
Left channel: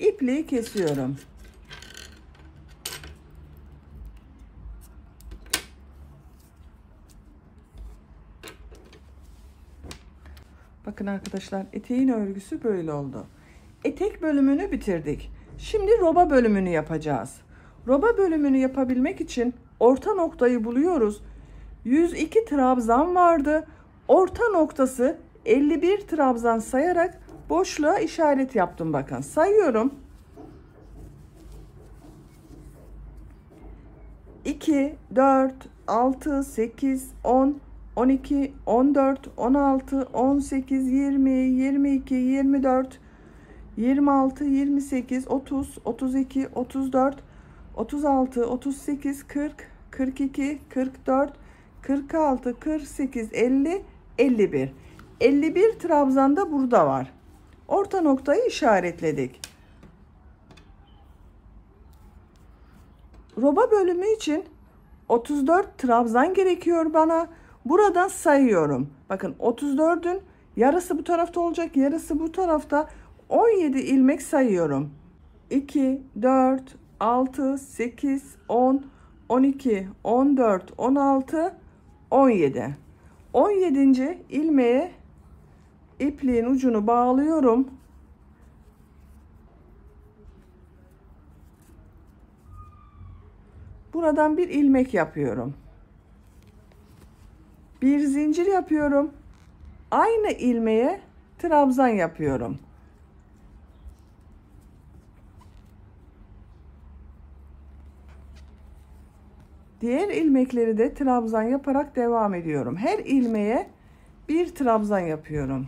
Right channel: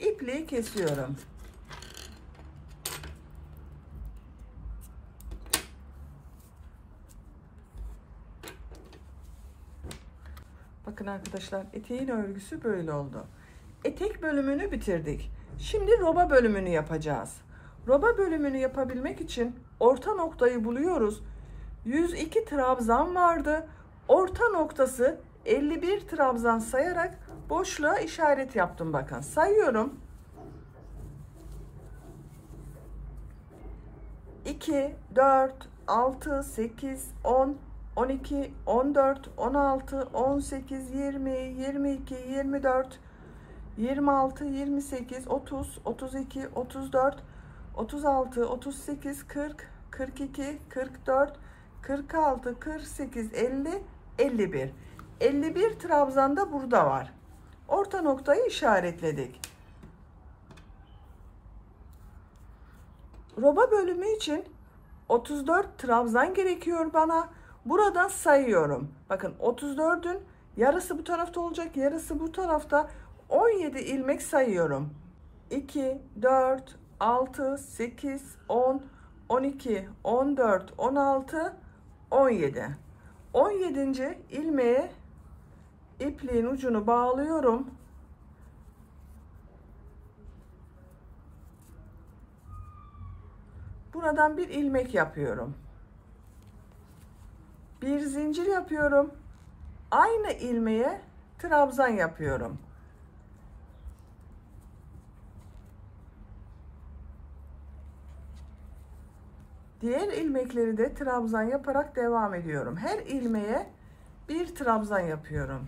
İpliği kesiyorum. Bakın arkadaşlar, eteğin örgüsü böyle oldu. Etek bölümünü bitirdik. Şimdi roba bölümünü yapacağız. Roba bölümünü yapabilmek için orta noktayı buluyoruz. 102 trabzan vardı. Orta noktası 51 trabzan sayarak boşluğa işaret yaptım. Bakın sayıyorum. 2, 4, 6, 8, 10, 12, 14, 16, 18, 20, 22, 24, 26, 28, 30, 32, 34, 36, 38, 40, 42, 44, 46, 48, 50, 51. 51 trabzan da burada var. Orta noktayı işaretledik. Roba bölümü için 34 trabzan gerekiyor bana. Buradan sayıyorum. Bakın 34'ün yarısı bu tarafta olacak, yarısı bu tarafta. 17 ilmek sayıyorum. 2, 4, 6, 8, 10, 12, 14, 16, 17. 17. ilmeğe ipliğin ucunu bağlıyorum. Buradan bir ilmek yapıyorum. Bir zincir yapıyorum. Aynı ilmeğe trabzan yapıyorum. Diğer ilmekleri de trabzan yaparak devam ediyorum. Her ilmeğe bir trabzan yapıyorum.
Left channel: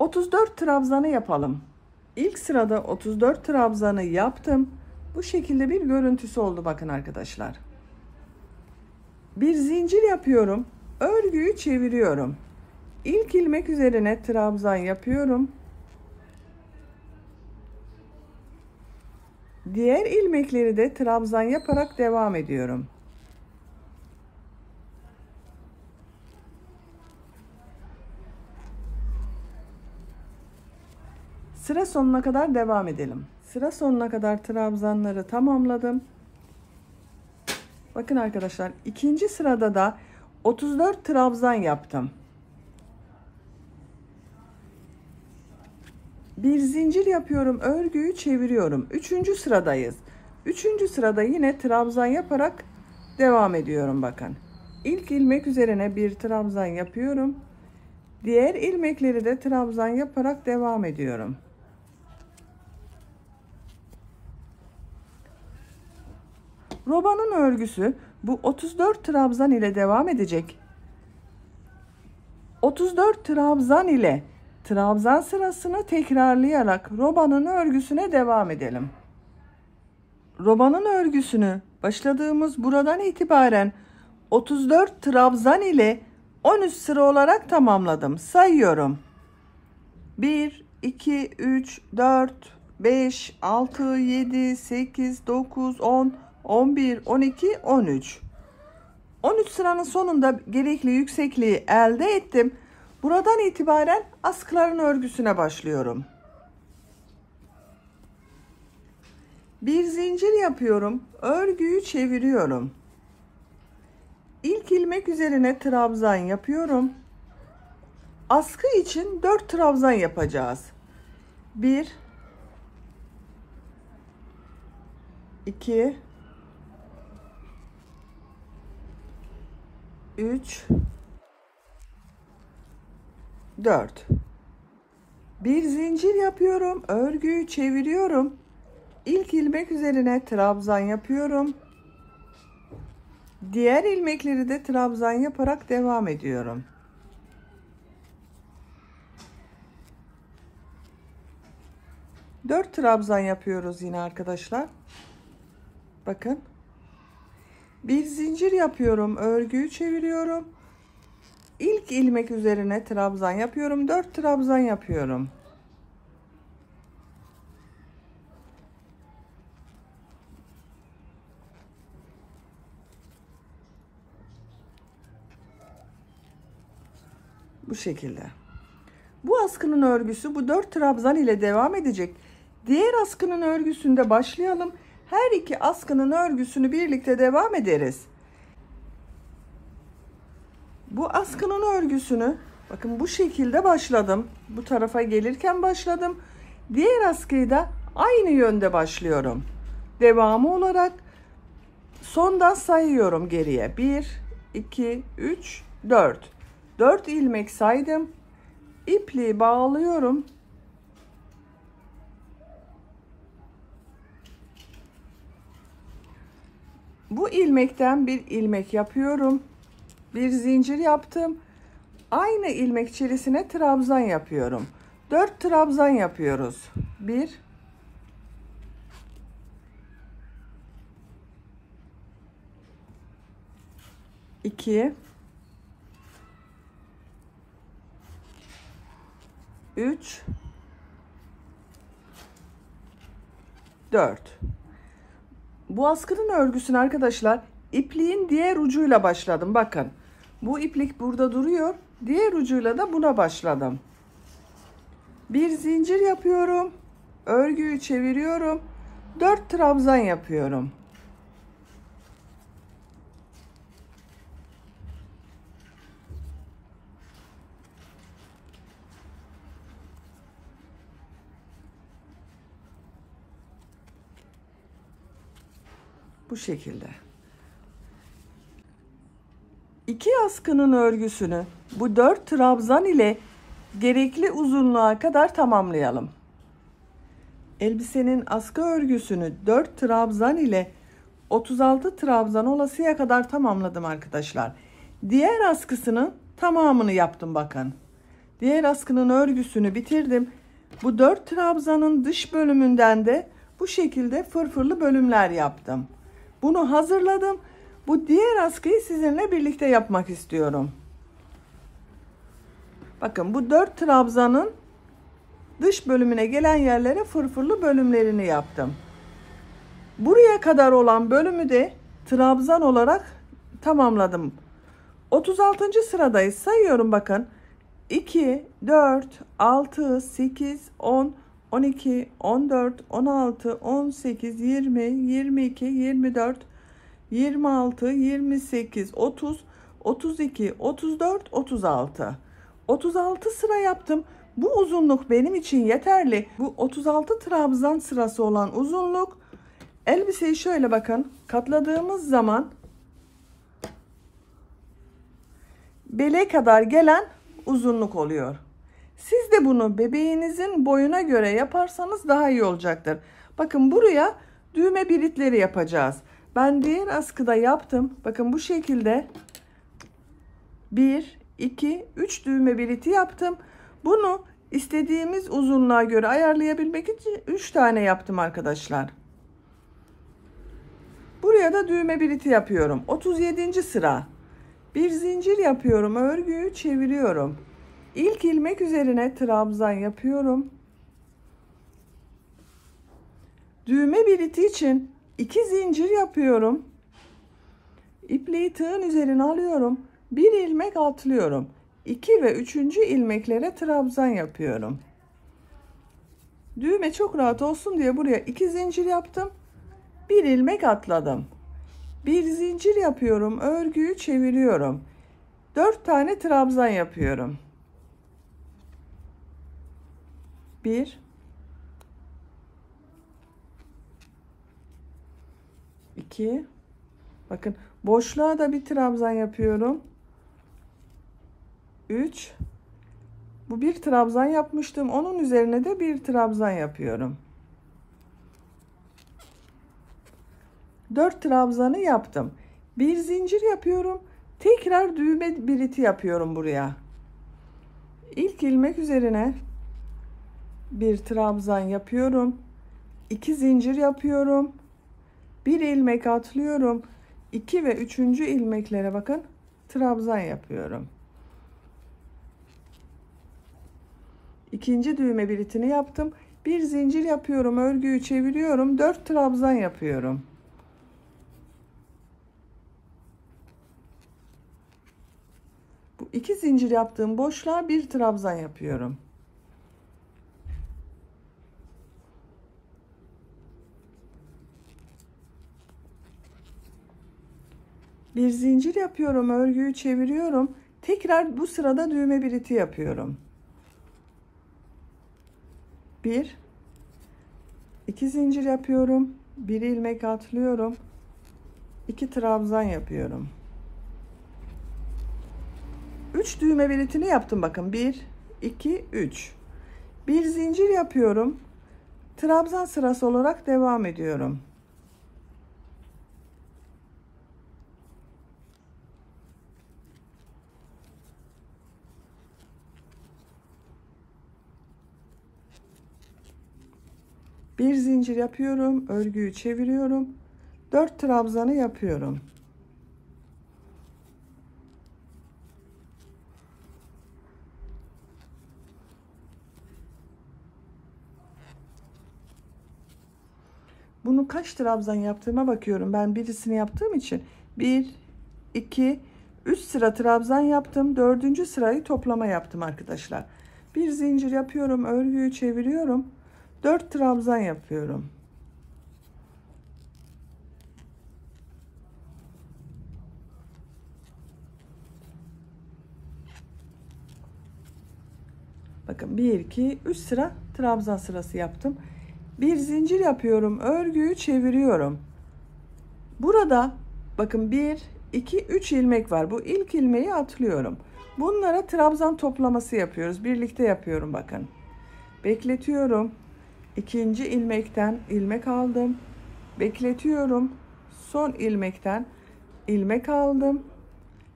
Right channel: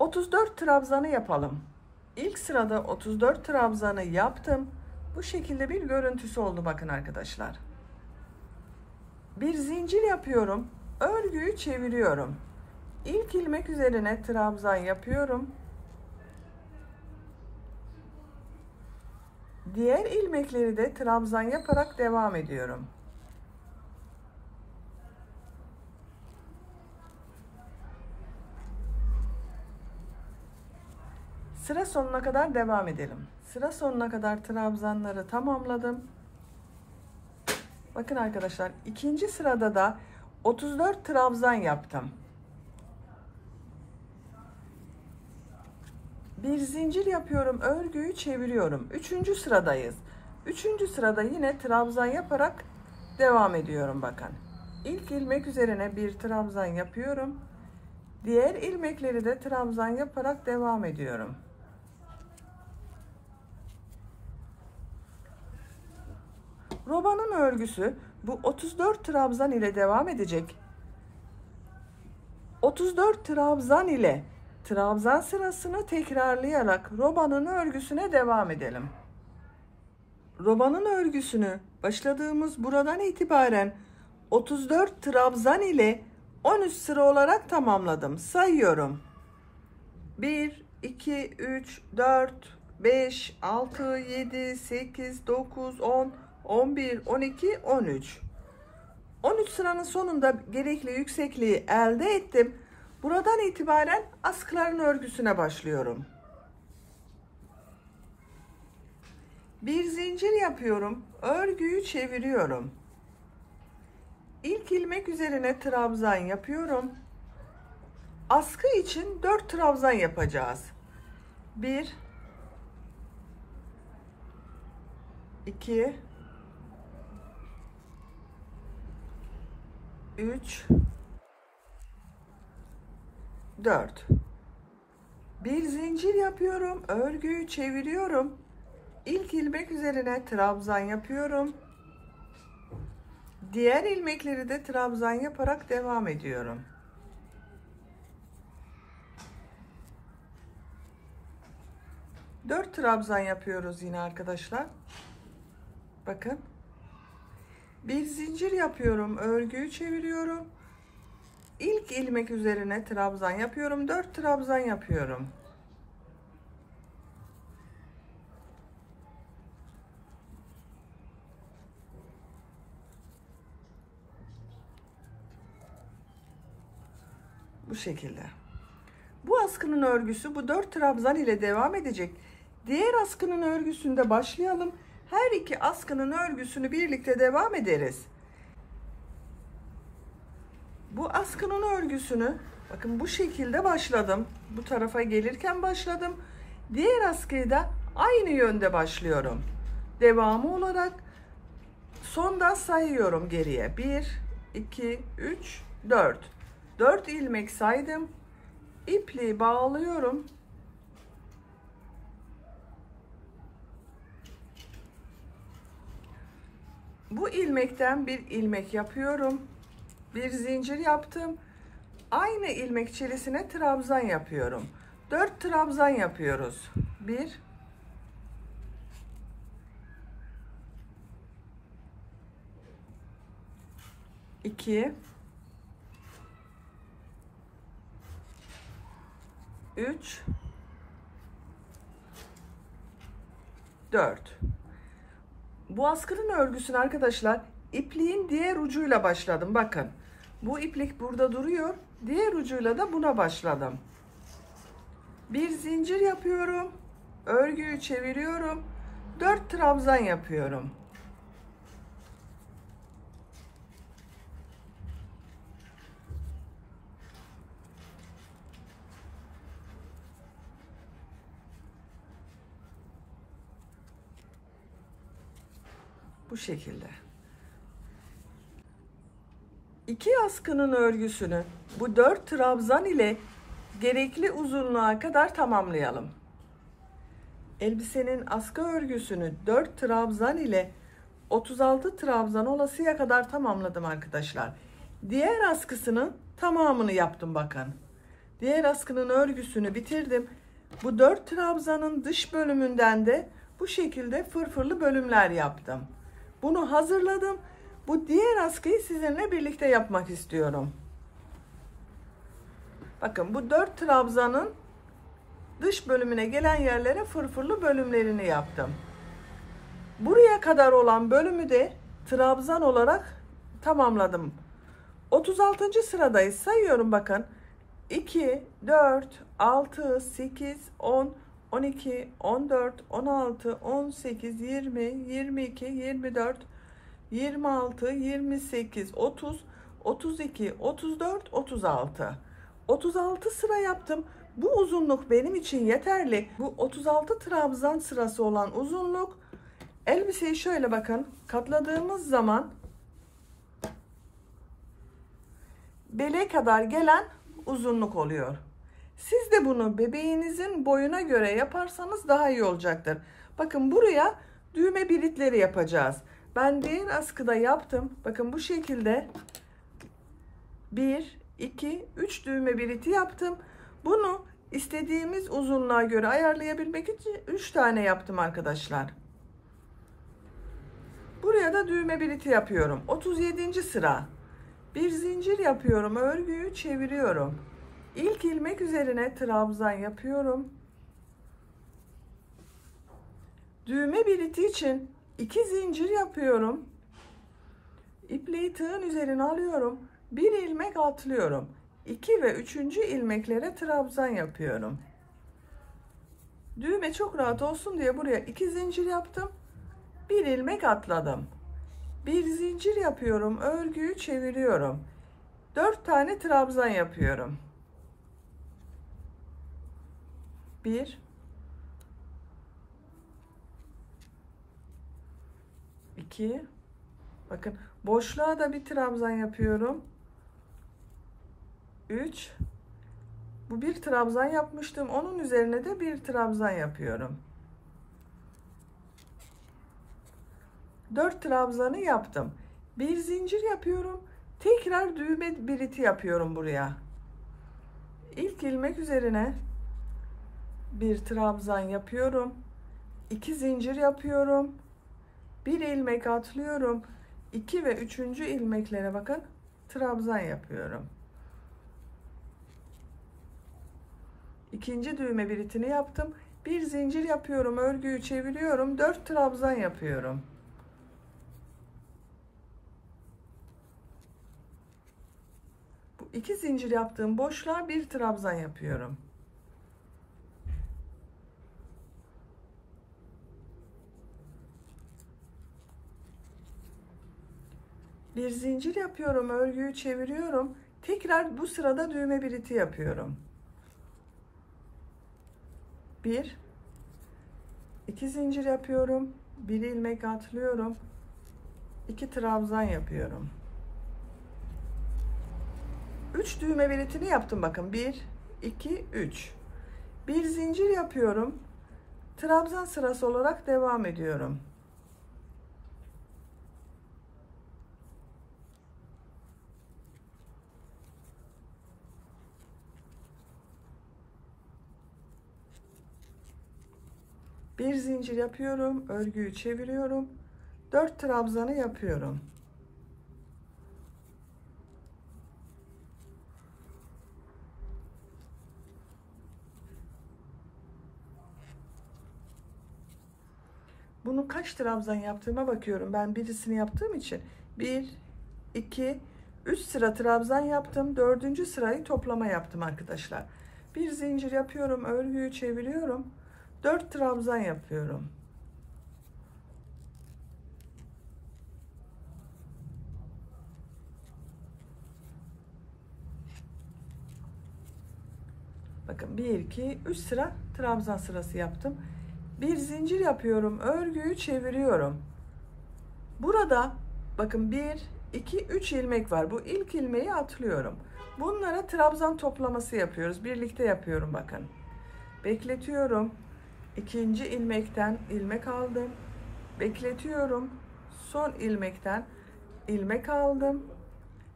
...34 trabzanı yapalım. İlk sırada 34 trabzanı yaptım. Bu şekilde bir görüntüsü oldu bakın arkadaşlar. Bir zincir yapıyorum. Örgüyü çeviriyorum. İlk ilmek üzerine trabzan yapıyorum. Diğer ilmekleri de trabzan yaparak devam ediyorum. Sıra sonuna kadar devam edelim. Sıra sonuna kadar trabzanları tamamladım. Bakın arkadaşlar, ikinci sırada da 34 trabzan yaptım. Bir zincir yapıyorum, örgüyü çeviriyorum. Üçüncü sıradayız. Üçüncü sırada yine trabzan yaparak devam ediyorum bakın. İlk ilmek üzerine bir trabzan yapıyorum. Diğer ilmekleri de trabzan yaparak devam ediyorum. Robanın örgüsü bu 34 trabzan ile devam edecek. 34 trabzan ile trabzan sırasını tekrarlayarak robanın örgüsüne devam edelim. Robanın örgüsünü başladığımız buradan itibaren 34 trabzan ile 13 sıra olarak tamamladım. Sayıyorum. 1, 2, 3, 4, 5, 6, 7, 8, 9, 10, 11, 12, 13. 13 sıranın sonunda gerekli yüksekliği elde ettim. Buradan itibaren askıların örgüsüne başlıyorum. Bir zincir yapıyorum. Örgüyü çeviriyorum. İlk ilmek üzerine trabzan yapıyorum. Askı için 4 trabzan yapacağız. 1, 2, 3, 4. Bir zincir yapıyorum. Örgüyü çeviriyorum. İlk ilmek üzerine trabzan yapıyorum. Diğer ilmekleri de trabzan yaparak devam ediyorum. Dört trabzan yapıyoruz yine arkadaşlar. Bakın. Bir zincir yapıyorum. Örgüyü çeviriyorum. İlk ilmek üzerine trabzan yapıyorum. 4 trabzan yapıyorum. Bu şekilde. Bu askının örgüsü bu 4 trabzan ile devam edecek. Diğer askının örgüsünde başlayalım. Her iki askının örgüsünü birlikte devam ederiz. Bu askının örgüsünü bakın bu şekilde başladım. Bu tarafa gelirken başladım. Diğer askıyı da aynı yönde başlıyorum. Devamı olarak sondan sayıyorum geriye. 1, 2, 3, 4. 4 ilmek saydım. İpliği bağlıyorum. Bu ilmekten bir ilmek yapıyorum. Bir zincir yaptım. Aynı ilmek içerisine trabzan yapıyorum. 4 trabzan yapıyoruz. 1, 2, 3, 4. Bu askının örgüsünü arkadaşlar ipliğin diğer ucuyla başladım. Bakın bu iplik burada duruyor. Diğer ucuyla da buna başladım. Bir zincir yapıyorum. Örgüyü çeviriyorum. 4 trabzan yapıyorum. Bu şekilde. 2 askının örgüsünü bu 4 trabzan ile gerekli uzunluğa kadar tamamlayalım. Elbisenin askı örgüsünü 4 trabzan ile 36 trabzan olasıya kadar tamamladım arkadaşlar. Diğer askısının tamamını yaptım bakın. Diğer askının örgüsünü bitirdim. Bu 4 trabzanın dış bölümünden de bu şekilde fırfırlı bölümler yaptım. Bunu hazırladım. Bu diğer askıyı sizinle birlikte yapmak istiyorum. Bakın bu 4 trabzanın dış bölümüne gelen yerlere fırfırlı bölümlerini yaptım. Buraya kadar olan bölümü de trabzan olarak tamamladım. 36. sıradayız. Sayıyorum bakın. 2, 4, 6, 8, 10, 12, 14, 16, 18, 20, 22, 24, 26, 28, 30, 32, 34, 36. 36 sıra yaptım. Bu uzunluk benim için yeterli. Bu 36 trabzan sırası olan uzunluk, elbiseyi şöyle bakın katladığımız zaman bele kadar gelen uzunluk oluyor. Siz de bunu bebeğinizin boyuna göre yaparsanız daha iyi olacaktır. Bakın buraya düğme biritleri yapacağız. Ben diğer askıda yaptım. Bakın bu şekilde 1, 2, 3 düğme biriti yaptım. Bunu istediğimiz uzunluğa göre ayarlayabilmek için 3 tane yaptım arkadaşlar. Buraya da düğme biriti yapıyorum. 37. sıra. Bir zincir yapıyorum. Örgüyü çeviriyorum. İlk ilmek üzerine trabzan yapıyorum. Düğme biriti için 2 zincir yapıyorum. İpliği tığın üzerine alıyorum. Bir ilmek atlıyorum. 2 ve 3. ilmeklere trabzan yapıyorum. Düğme çok rahat olsun diye buraya 2 zincir yaptım. Bir ilmek atladım. Bir zincir yapıyorum. Örgüyü çeviriyorum. 4 tane trabzan yapıyorum. 1, 2, bakın boşluğa da bir trabzan yapıyorum. 3, bu bir trabzan yapmıştım. Onun üzerine de bir trabzan yapıyorum. 4 trabzanı yaptım. Bir zincir yapıyorum. Tekrar düğme biriti yapıyorum buraya. İlk ilmek üzerine bir trabzan yapıyorum. 2 zincir yapıyorum. Bir ilmek atlıyorum. 2 ve 3. ilmeklere bakın trabzan yapıyorum. İkinci düğme biritini yaptım. Bir zincir yapıyorum. Örgüyü çeviriyorum. 4 trabzan yapıyorum. Bu 2 zincir yaptığım boşluğa bir trabzan yapıyorum. Bir zincir yapıyorum. Örgüyü çeviriyorum. Tekrar bu sırada düğme biriti yapıyorum. 1, 2 zincir yapıyorum. Bir ilmek atlıyorum. 2 trabzan yapıyorum. 3 düğme biritini yaptım bakın. 1, 2, 3. Bir zincir yapıyorum. Trabzan sırası olarak devam ediyorum. Bir zincir yapıyorum. Örgüyü çeviriyorum. 4 trabzanı yapıyorum. Bunu kaç trabzan yaptığıma bakıyorum. Ben birisini yaptığım için 1, 2, 3 sıra trabzan yaptım. 4. sırayı toplama yaptım arkadaşlar. Bir zincir yapıyorum, örgüyü çeviriyorum. 4 trabzan yapıyorum. Bakın 1, 2, 3 sıra trabzan sırası yaptım. Bir zincir yapıyorum, örgüyü çeviriyorum. Burada bakın 1, 2, 3 ilmek var. Bu ilk ilmeği atlıyorum. Bunlara trabzan toplaması yapıyoruz. Birlikte yapıyorum bakın. Bekletiyorum. İkinci ilmekten ilmek aldım. Bekletiyorum. Son ilmekten ilmek aldım.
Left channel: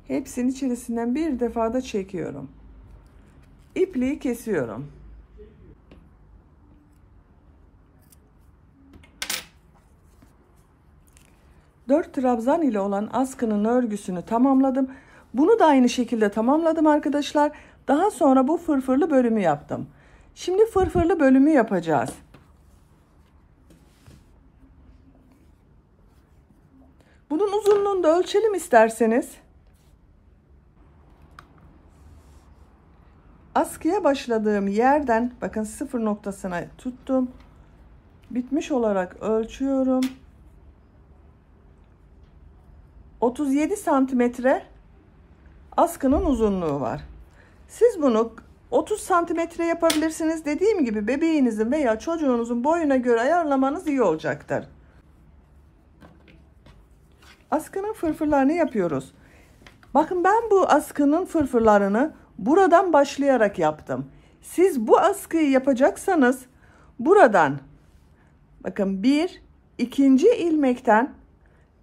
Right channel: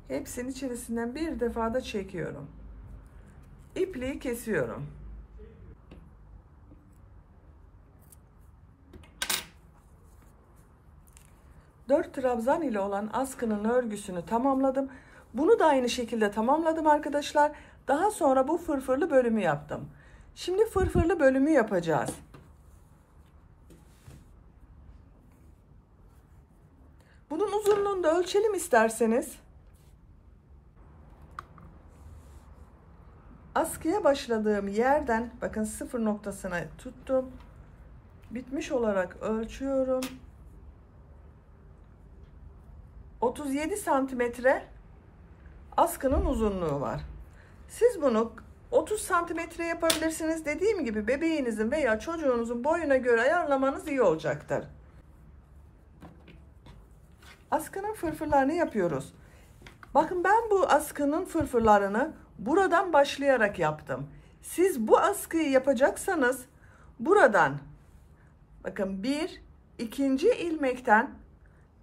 Hepsinin içerisinden bir defa da çekiyorum. İpliği kesiyorum. Dört trabzan ile olan askının örgüsünü tamamladım. Bunu da aynı şekilde tamamladım arkadaşlar. Daha sonra bu fırfırlı bölümü yaptım. Şimdi fırfırlı bölümü yapacağız. Bunun uzunluğunu da ölçelim isterseniz. Askıya başladığım yerden bakın sıfır noktasına tuttum. Bitmiş olarak ölçüyorum. 37 santimetre askının uzunluğu var. Siz bunu 30 santimetre yapabilirsiniz. Dediğim gibi bebeğinizin veya çocuğunuzun boyuna göre ayarlamanız iyi olacaktır. Askının fırfırlarını yapıyoruz. Bakın ben bu askının fırfırlarını buradan başlayarak yaptım. Siz bu askıyı yapacaksanız buradan bakın ikinci ilmekten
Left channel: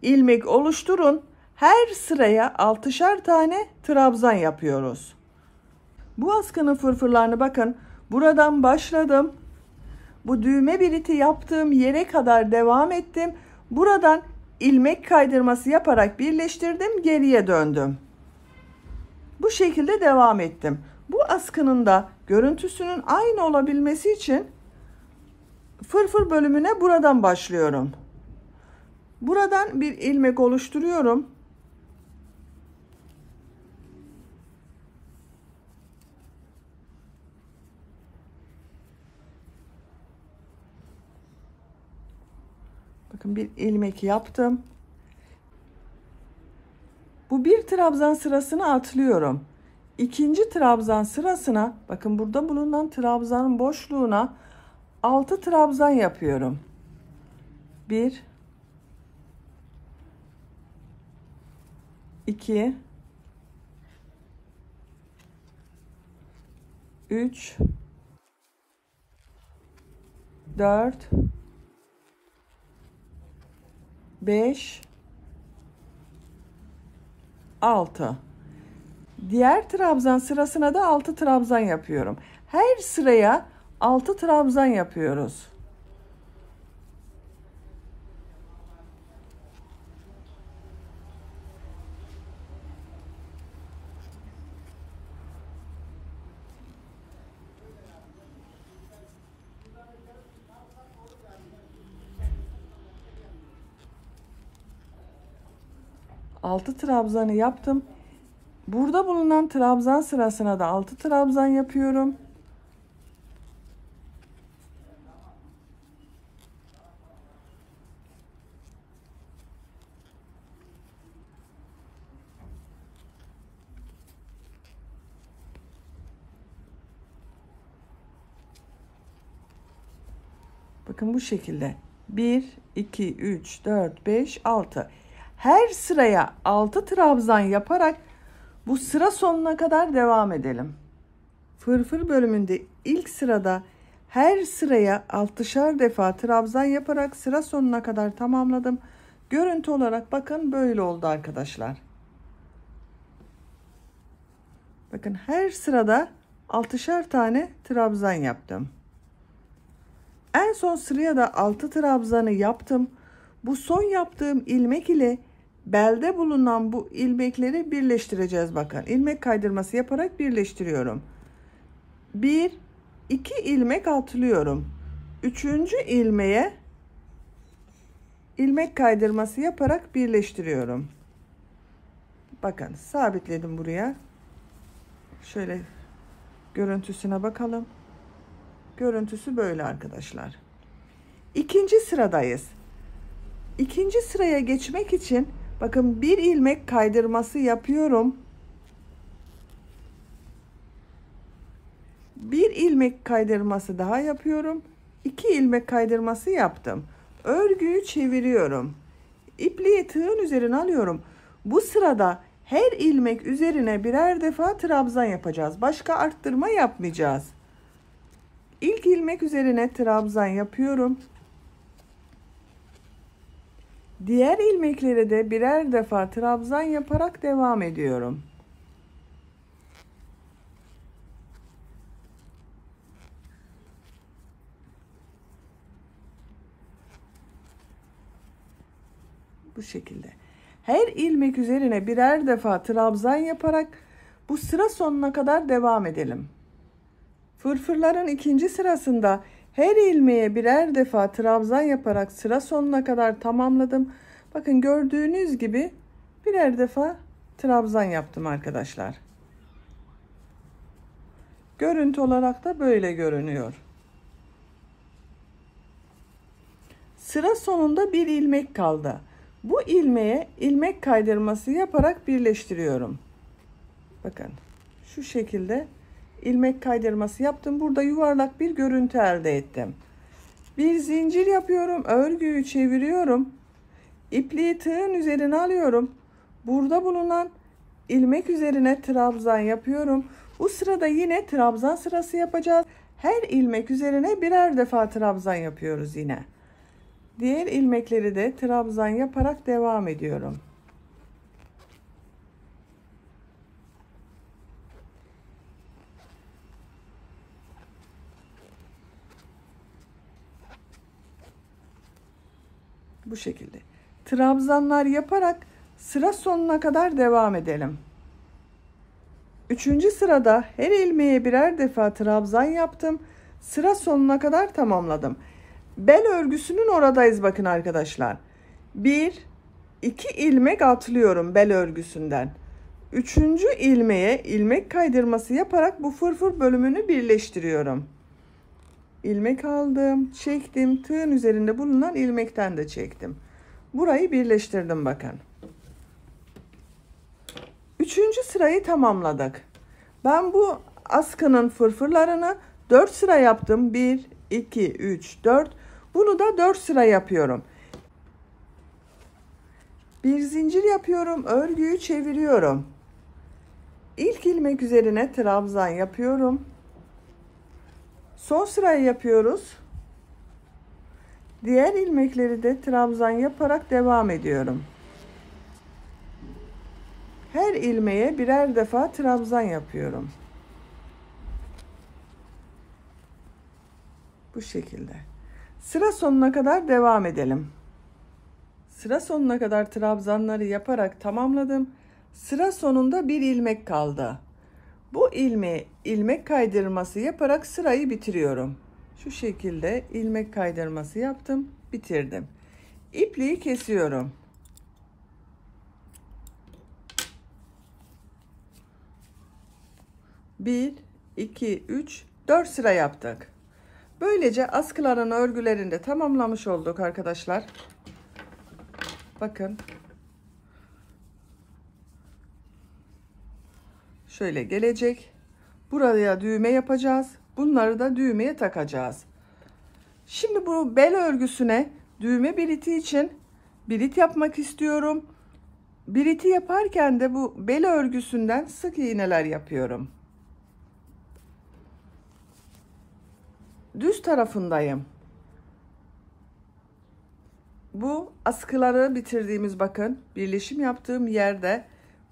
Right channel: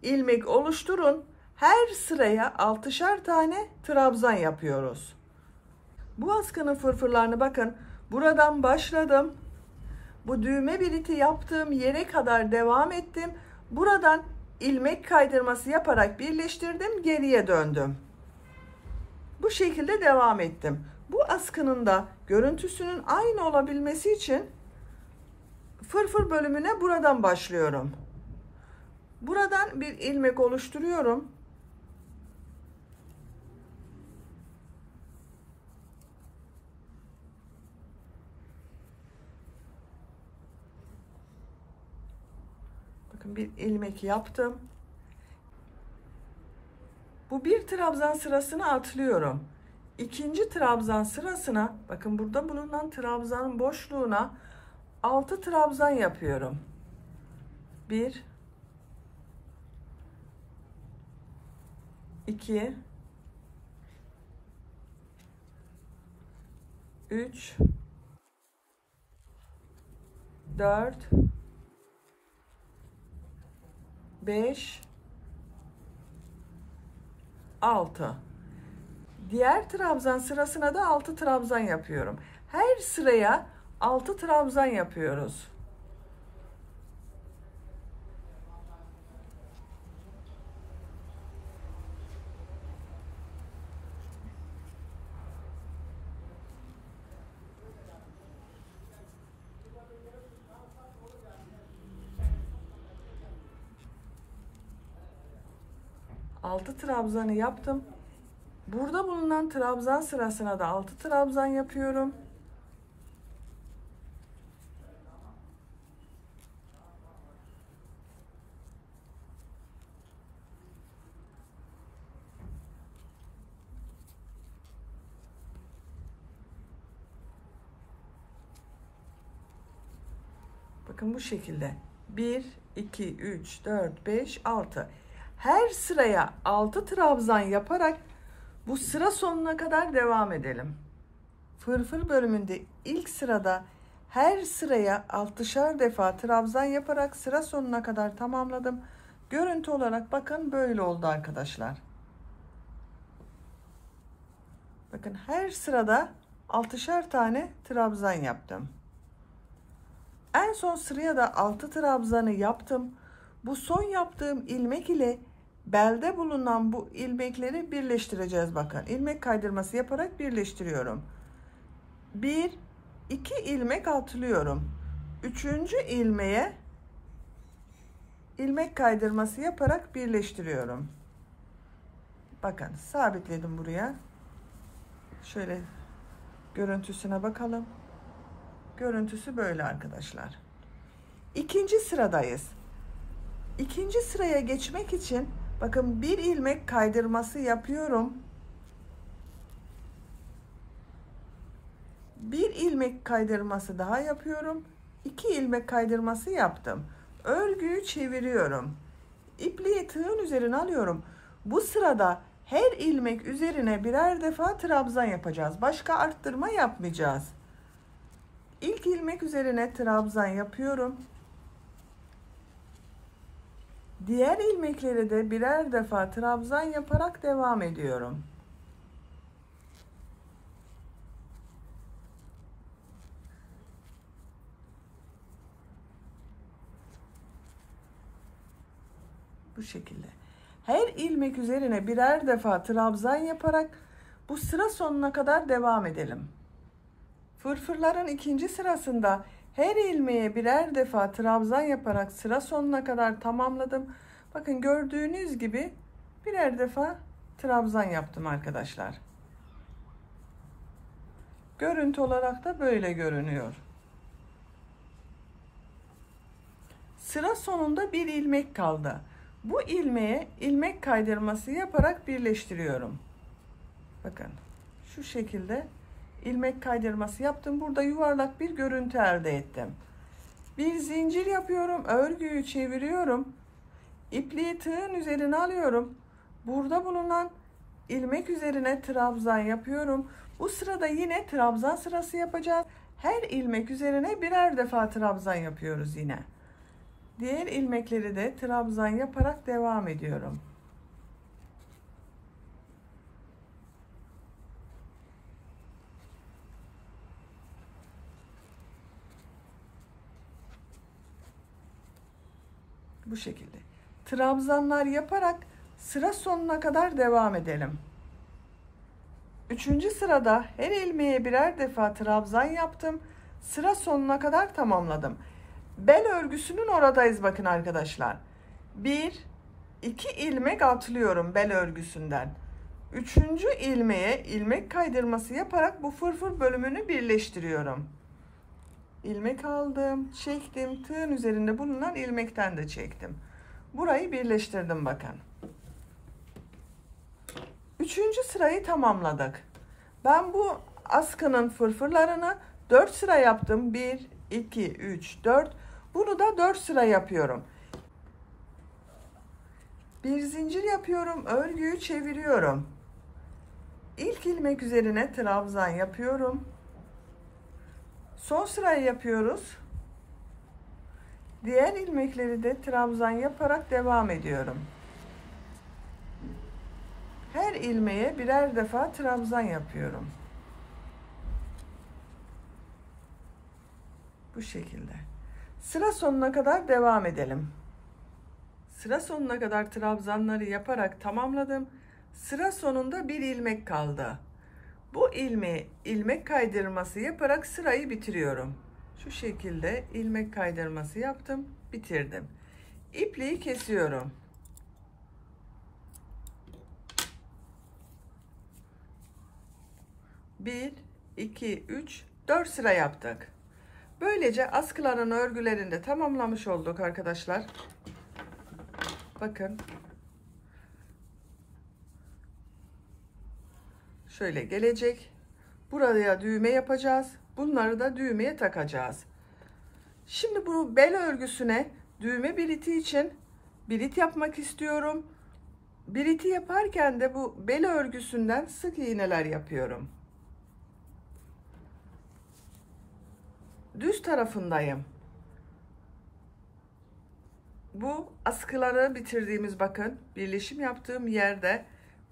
ilmek oluşturun. Her sıraya 6'şar tane trabzan yapıyoruz. Bu askının fırfırlarını bakın buradan başladım. Bu düğme biriti yaptığım yere kadar devam ettim. Buradan ilmek kaydırması yaparak birleştirdim, geriye döndüm. Bu şekilde devam ettim. Bu askının da görüntüsünün aynı olabilmesi için fırfır bölümüne buradan başlıyorum. Buradan bir ilmek oluşturuyorum. Bakın bir ilmek yaptım. Bu bir trabzan sırasını atlıyorum. İkinci trabzan sırasına bakın burada bulunan trabzanın boşluğuna 6 trabzan yapıyorum. 1 2 3 4 5 6. Diğer trabzan sırasına da 6 trabzan yapıyorum. Her sıraya 6 trabzan yapıyoruz. Altı trabzanı yaptım. Burada bulunan trabzan sırasına da 6 trabzan yapıyorum. Bakın bu şekilde 1 2 3 4 5 6. Her sıraya 6 trabzan yaparak bu sıra sonuna kadar devam edelim. Fırfır bölümünde ilk sırada her sıraya 6'şar defa trabzan yaparak sıra sonuna kadar tamamladım. Görüntü olarak bakın böyle oldu arkadaşlar. Bakın her sırada 6'şar tane trabzan yaptım. En son sıraya da 6 trabzanı yaptım. Bu son yaptığım ilmek ile belde bulunan bu ilmekleri birleştireceğiz. Bakın ilmek kaydırması yaparak birleştiriyorum. 1 2 ilmek atlıyorum. 3. ilmeğe ilmek kaydırması yaparak birleştiriyorum. Bakın sabitledim buraya. Şöyle görüntüsüne bakalım. Görüntüsü böyle arkadaşlar. İkinci sıradayız. İkinci sıraya geçmek için bakın bir ilmek kaydırması yapıyorum. Bir ilmek kaydırması daha yapıyorum. 2 ilmek kaydırması yaptım. Örgüyü çeviriyorum. İpliği tığın üzerine alıyorum. Bu sırada her ilmek üzerine birer defa trabzan yapacağız. Başka arttırma yapmayacağız. İlk ilmek üzerine trabzan yapıyorum. Diğer ilmeklere de birer defa trabzan yaparak devam ediyorum. Bu şekilde. Her ilmek üzerine birer defa trabzan yaparak bu sıra sonuna kadar devam edelim. Fırfırların ikinci sırasında her ilmeğe birer defa trabzan yaparak sıra sonuna kadar tamamladım. Bakın gördüğünüz gibi birer defa trabzan yaptım arkadaşlar. Görüntü olarak da böyle görünüyor. Sıra sonunda bir ilmek kaldı. Bu ilmeğe ilmek kaydırması yaparak birleştiriyorum. Bakın şu şekilde ilmek kaydırması yaptım. Burada yuvarlak bir görüntü elde ettim. Bir zincir yapıyorum. Örgüyü çeviriyorum. İpliği tığın üzerine alıyorum. Burada bulunan ilmek üzerine trabzan yapıyorum. Bu sırada yine trabzan sırası yapacağız. Her ilmek üzerine birer defa trabzan yapıyoruz yine. Diğer ilmekleri de trabzan yaparak devam ediyorum. Bu şekilde. Trabzanlar yaparak sıra sonuna kadar devam edelim. Üçüncü sırada her ilmeğe birer defa trabzan yaptım. Sıra sonuna kadar tamamladım. Bel örgüsünün oradayız bakın arkadaşlar. 1 2 ilmek atlıyorum bel örgüsünden. Üçüncü ilmeğe ilmek kaydırması yaparak bu fırfır bölümünü birleştiriyorum. İlmek aldım, çektim, tığın üzerinde bulunan ilmekten de çektim. Burayı birleştirdim bakın. Üçüncü sırayı tamamladık. Ben bu askının fırfırlarını 4 sıra yaptım. 1 2 3 4. Bunu da 4 sıra yapıyorum. Bir zincir yapıyorum, örgüyü çeviriyorum. İlk ilmek üzerine trabzan yapıyorum. Son sırayı yapıyoruz. Diğer ilmekleri de trabzan yaparak devam ediyorum. Her ilmeğe birer defa trabzan yapıyorum. Bu şekilde. Sıra sonuna kadar devam edelim. Sıra sonuna kadar trabzanları yaparak tamamladım. Sıra sonunda bir ilmek kaldı. Bu ilmeğe ilmek kaydırması yaparak sırayı bitiriyorum. Şu şekilde ilmek kaydırması yaptım, bitirdim. İpliği kesiyorum. Bir, iki, üç, 4 sıra yaptık. Böylece askıların örgülerini de tamamlamış olduk arkadaşlar. Bakın. Şöyle gelecek. Buraya düğme yapacağız. Bunları da düğmeye takacağız. Şimdi bu bel örgüsüne düğme biliti için birit yapmak istiyorum. Biriti yaparken de bu bel örgüsünden sık iğneler yapıyorum. Düz tarafındayım. Bu askıları bitirdiğimiz bakın birleşim yaptığım yerde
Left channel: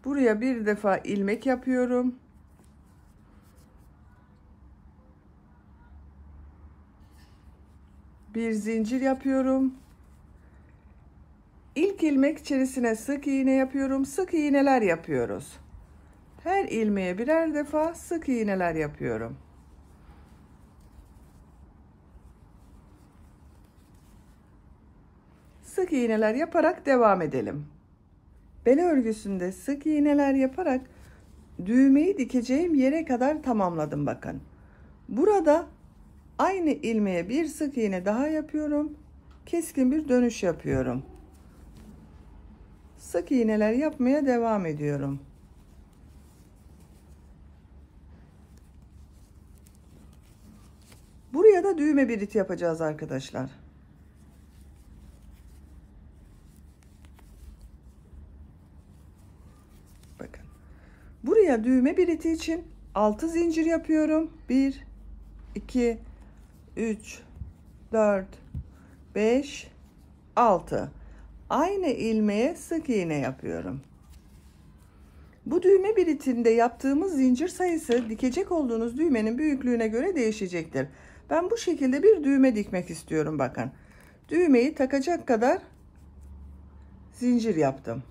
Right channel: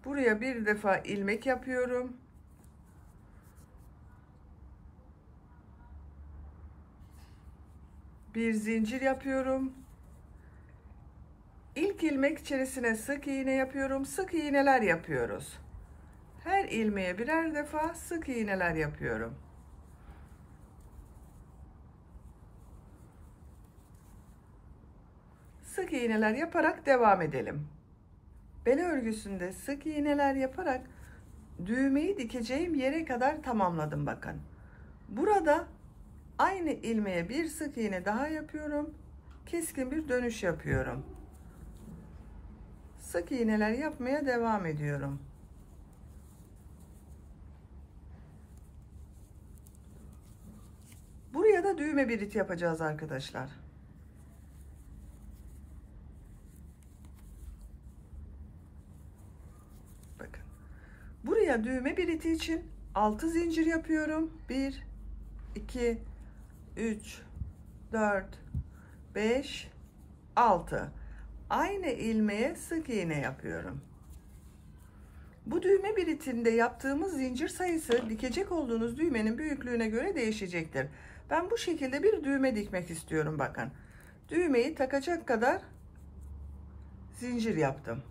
buraya bir defa ilmek yapıyorum. Bir zincir yapıyorum. İlk ilmek içerisine sık iğne yapıyorum. Sık iğneler yapıyoruz. Her ilmeğe birer defa sık iğneler yapıyorum. Sık iğneler yaparak devam edelim. bel örgüsünde sık iğneler yaparak düğmeyi dikeceğim yere kadar tamamladım bakın. Burada aynı ilmeğe bir sık iğne daha yapıyorum. Keskin bir dönüş yapıyorum. Sık iğneler yapmaya devam ediyorum. Buraya da düğme birit yapacağız arkadaşlar. Bakın. Buraya düğme biriti için 6 zincir yapıyorum. 1 2 3 4 5 6. Aynı ilmeğe sık iğne yapıyorum. Bu düğme biritinde yaptığımız zincir sayısı dikecek olduğunuz düğmenin büyüklüğüne göre değişecektir. Ben bu şekilde bir düğme dikmek istiyorum bakın. Düğmeyi takacak kadar zincir yaptım.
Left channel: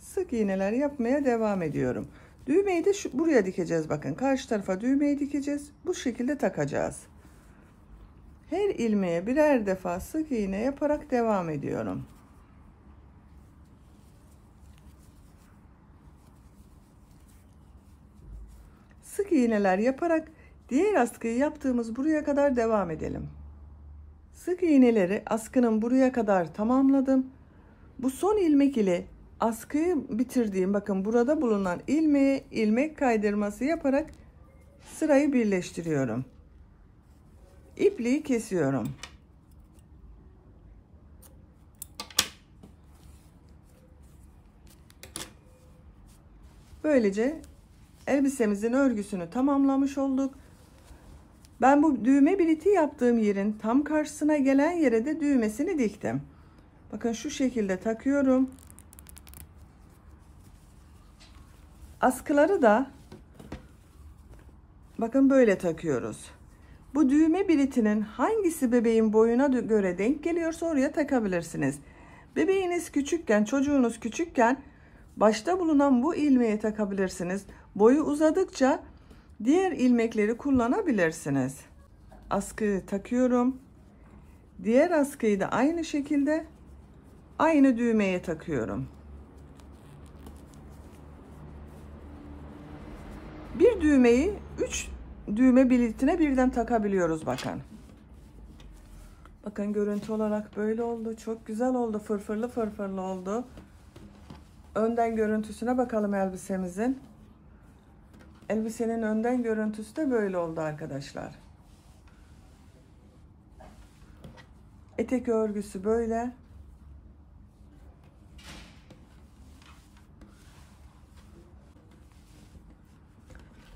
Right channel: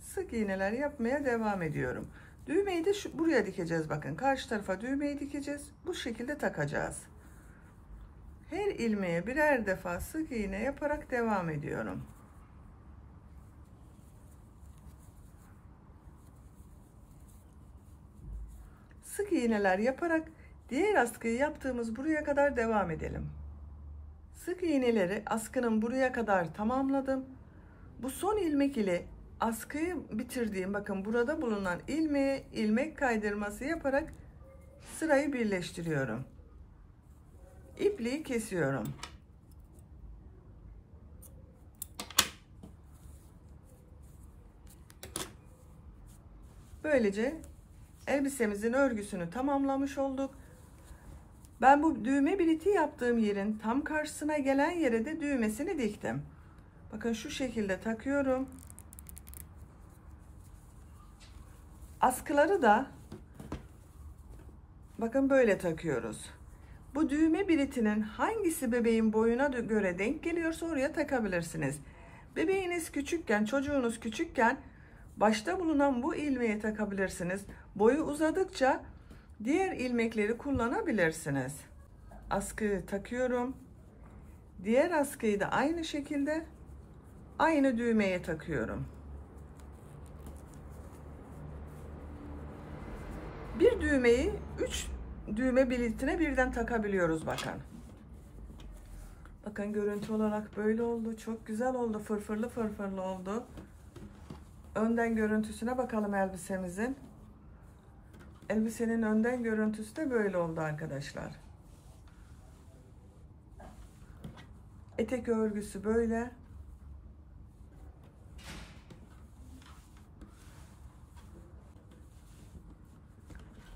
Sık iğneler yapmaya devam ediyorum. Düğmeyi de buraya dikeceğiz bakın. Karşı tarafa düğmeyi dikeceğiz. Bu şekilde takacağız. Her ilmeğe birer defa sık iğne yaparak devam ediyorum. Sık iğneler yaparak diğer askıyı yaptığımız buraya kadar devam edelim. Sık iğneleri askının buraya kadar tamamladım. Bu son ilmek ile askıyı bitirdiğim bakın burada bulunan ilmeğe ilmek kaydırması yaparak sırayı birleştiriyorum. İpliği kesiyorum. Böylece elbisemizin örgüsünü tamamlamış olduk. Ben bu düğme biriti yaptığım yerin tam karşısına gelen yere de düğmesini diktim. Bakın şu şekilde takıyorum. Askıları da bakın böyle takıyoruz. Bu düğme biritinin hangisi bebeğin boyuna göre denk geliyorsa oraya takabilirsiniz. Bebeğiniz küçükken, çocuğunuz küçükken başta bulunan bu ilmeğe takabilirsiniz. Boyu uzadıkça diğer ilmekleri kullanabilirsiniz. Askıyı takıyorum. Diğer askıyı da aynı şekilde aynı düğmeye takıyorum. Bir düğmeyi 3 düğme biritine birden takabiliyoruz bakın. Bakın görüntü olarak böyle oldu. Çok güzel oldu. Fırfırlı fırfırlı oldu. Önden görüntüsüne bakalım elbisemizin. Elbisenin önden görüntüsü de böyle oldu arkadaşlar. Etek örgüsü böyle.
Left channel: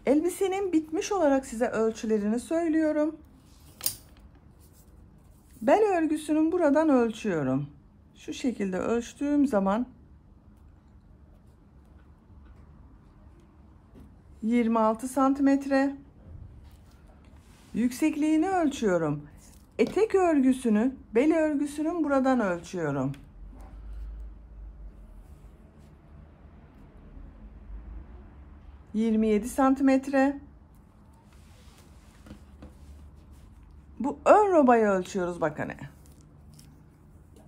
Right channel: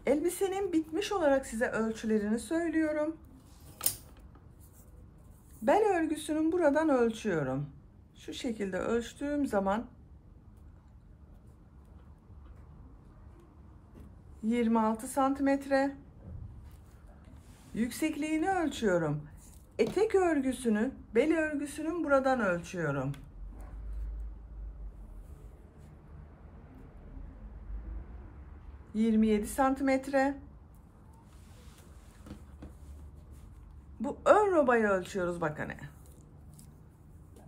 Elbisenin bitmiş olarak size ölçülerini söylüyorum. Bel örgüsünün buradan ölçüyorum. Şu şekilde ölçtüğüm zaman 26 santimetre. Yüksekliğini ölçüyorum. Etek örgüsünü, bel örgüsünün buradan ölçüyorum. 27 santimetre. Bu ön robayı ölçüyoruz bakın.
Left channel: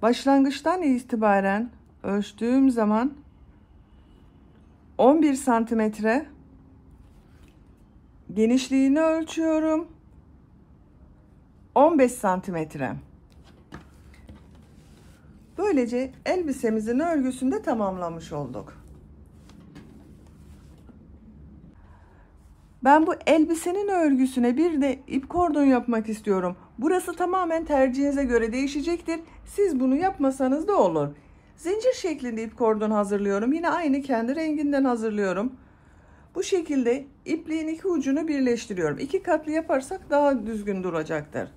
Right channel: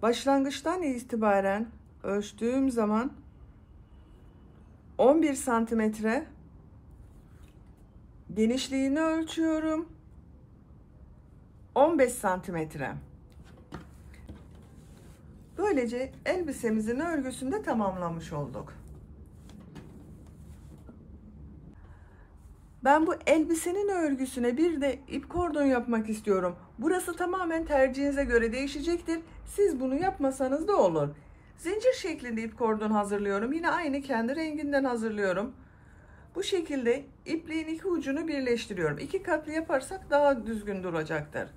Başlangıçtan itibaren ölçtüğüm zaman 11 santimetre. Genişliğini ölçüyorum. 15 santimetre. Böylece elbisemizin örgüsünü de tamamlamış olduk. Ben bu elbisenin örgüsüne bir de ip kordon yapmak istiyorum. Burası tamamen tercihinize göre değişecektir. Siz bunu yapmasanız da olur. Zincir şeklinde ip kordon hazırlıyorum. Yine aynı kendi renginden hazırlıyorum. Bu şekilde ipliğin iki ucunu birleştiriyorum. 2 katlı yaparsak daha düzgün duracaktır.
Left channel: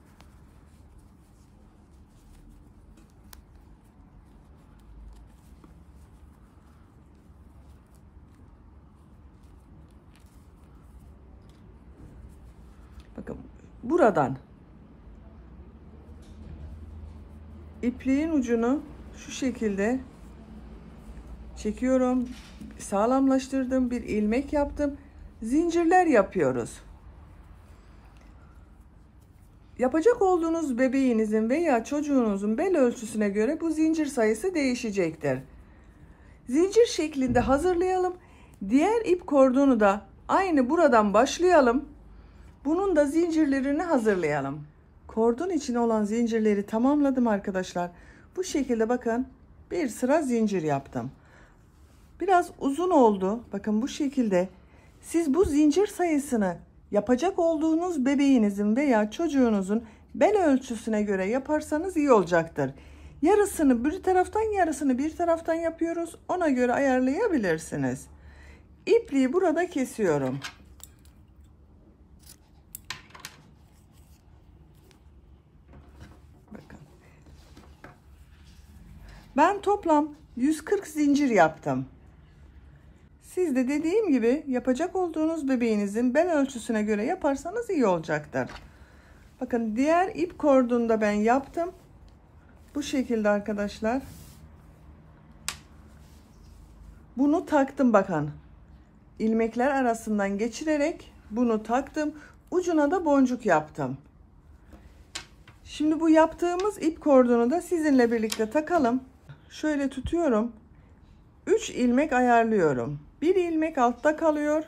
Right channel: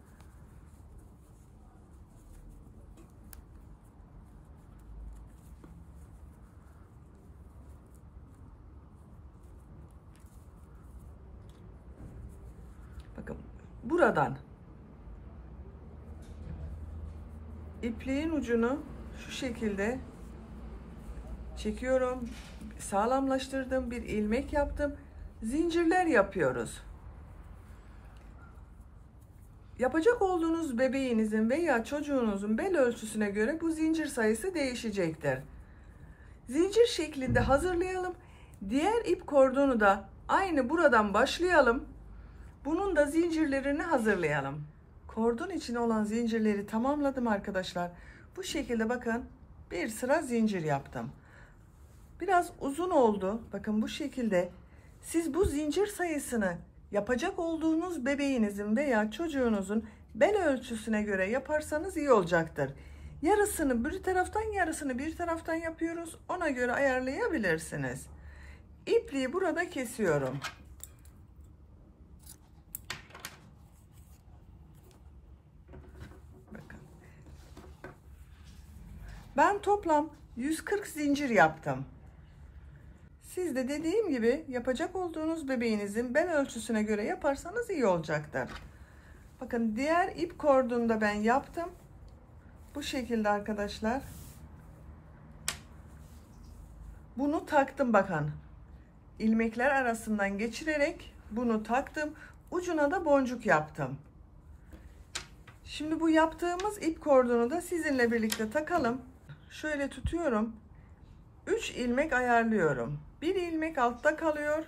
Bakın buradan ipliğin ucunu şu şekilde çekiyorum. Sağlamlaştırdım. Bir ilmek yaptım. Zincirler yapıyoruz. Yapacak olduğunuz bebeğinizin veya çocuğunuzun bel ölçüsüne göre bu zincir sayısı değişecektir. Zincir şeklinde hazırlayalım. Diğer ip kordonu da aynı buradan başlayalım. Bunun da zincirlerini hazırlayalım. Kordon için olan zincirleri tamamladım arkadaşlar. Bu şekilde bakın bir sıra zincir yaptım. Biraz uzun oldu. Bakın bu şekilde. Siz bu zincir sayısını yapacak olduğunuz bebeğinizin veya çocuğunuzun bel ölçüsüne göre yaparsanız iyi olacaktır. Yarısını bir taraftan, yarısını bir taraftan yapıyoruz. Ona göre ayarlayabilirsiniz. İpliği burada kesiyorum. Bakın. Ben toplam 140 zincir yaptım. Siz de dediğim gibi yapacak olduğunuz bebeğinizin bel ölçüsüne göre yaparsanız iyi olacaktır. Bakın diğer ip kordonu da ben yaptım. Bu şekilde arkadaşlar. Bunu taktım bakın. İlmekler arasından geçirerek bunu taktım. Ucuna da boncuk yaptım. Şimdi bu yaptığımız ip kordonu da sizinle birlikte takalım. Şöyle tutuyorum. 3 ilmek ayarlıyorum. Bir ilmek altta kalıyor.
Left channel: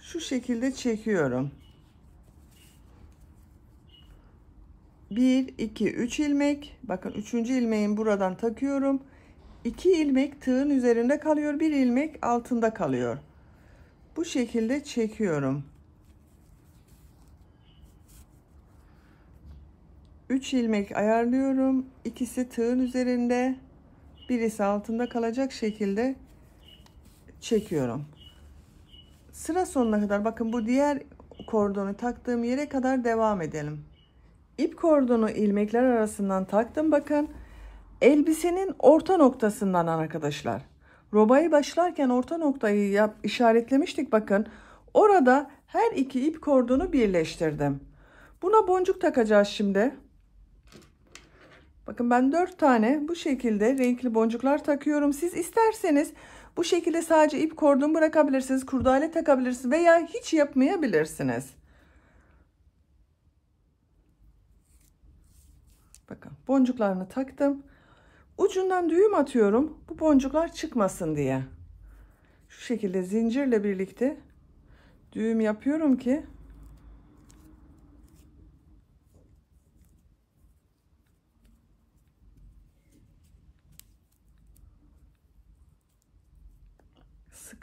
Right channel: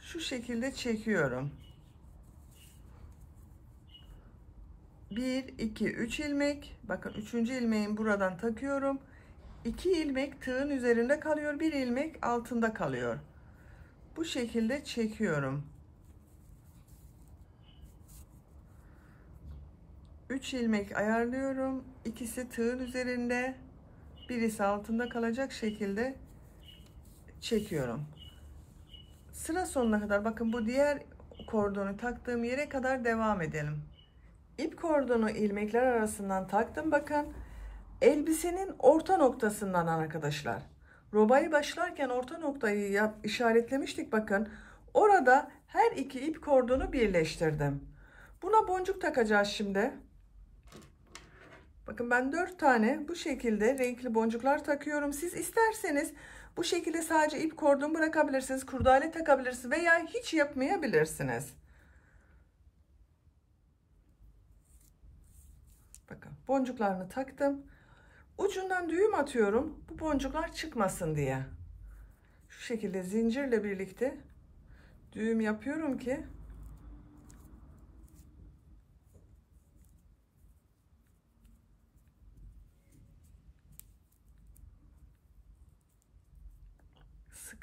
Şu şekilde çekiyorum. 1, 2, 3 ilmek. Bakın 3. ilmeğin buradan takıyorum. 2 ilmek tığın üzerinde kalıyor. 1 ilmek altında kalıyor. Bu şekilde çekiyorum. 3 ilmek ayarlıyorum. İkisi tığın üzerinde. Birisi altında kalacak şekilde çekiyorum. Sıra sonuna kadar bakın bu diğer kordonu taktığım yere kadar devam edelim. İp kordonu ilmekler arasından taktım bakın. Elbisenin orta noktasından arkadaşlar. Robaya başlarken orta noktayı işaretlemiştik bakın. Orada her iki ip kordonu birleştirdim. Buna boncuk takacağız şimdi. Bakın ben 4 tane bu şekilde renkli boncuklar takıyorum. Siz isterseniz bu şekilde sadece ip kordon bırakabilirsiniz. Kurdale takabilirsiniz veya hiç yapmayabilirsiniz. Bakın boncuklarını taktım. Ucundan düğüm atıyorum. Bu boncuklar çıkmasın diye. Şu şekilde zincirle birlikte düğüm yapıyorum ki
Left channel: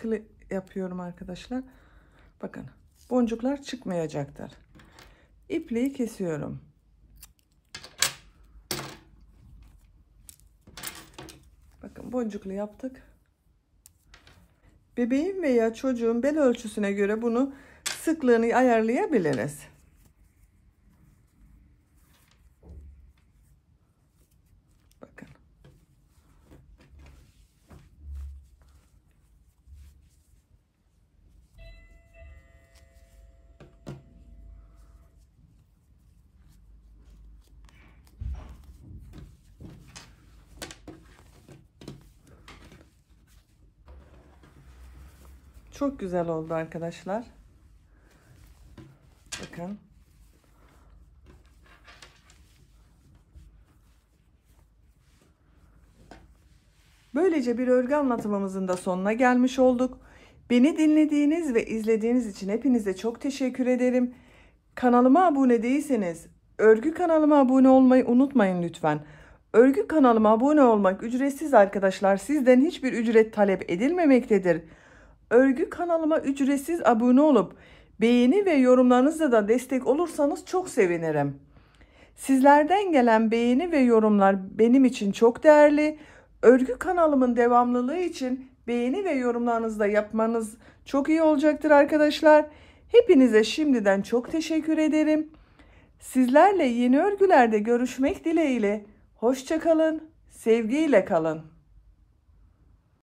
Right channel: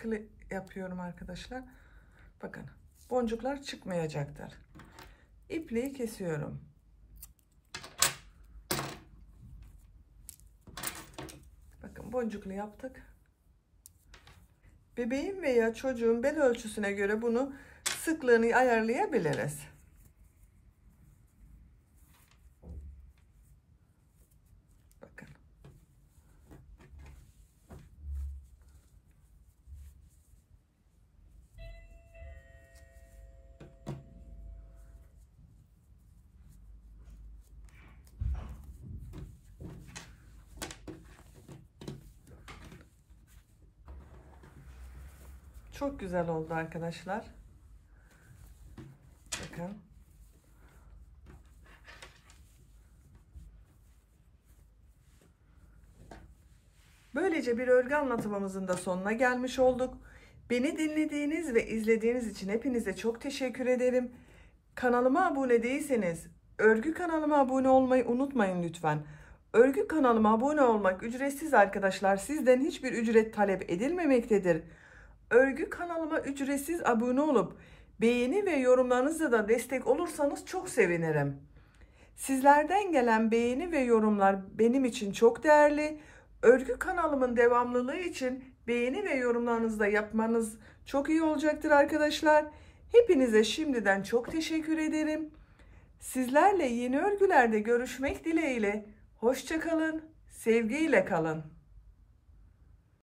sıkı yapıyorum arkadaşlar. Bakın boncuklar çıkmayacaktır. İpliği kesiyorum. Bakın boncuklu yaptık. Bebeğin veya çocuğun bel ölçüsüne göre bunu sıklığını ayarlayabiliriz. Bakın. Çok güzel oldu arkadaşlar. Bakın. Böylece bir örgü anlatımımızın da sonuna gelmiş olduk. Beni dinlediğiniz ve izlediğiniz için hepinize çok teşekkür ederim. Kanalıma abone değilseniz örgü kanalıma abone olmayı unutmayın lütfen. Örgü kanalıma abone olmak ücretsiz arkadaşlar. Sizden hiçbir ücret talep edilmemektedir. Örgü kanalıma ücretsiz abone olup beğeni ve yorumlarınızla da destek olursanız çok sevinirim. Sizlerden gelen beğeni ve yorumlar benim için çok değerli. Örgü kanalımın devamlılığı için beğeni ve yorumlarınızı da yapmanız çok iyi olacaktır arkadaşlar. Hepinize şimdiden çok teşekkür ederim. Sizlerle yeni örgülerde görüşmek dileğiyle. Hoşça kalın, sevgiyle kalın.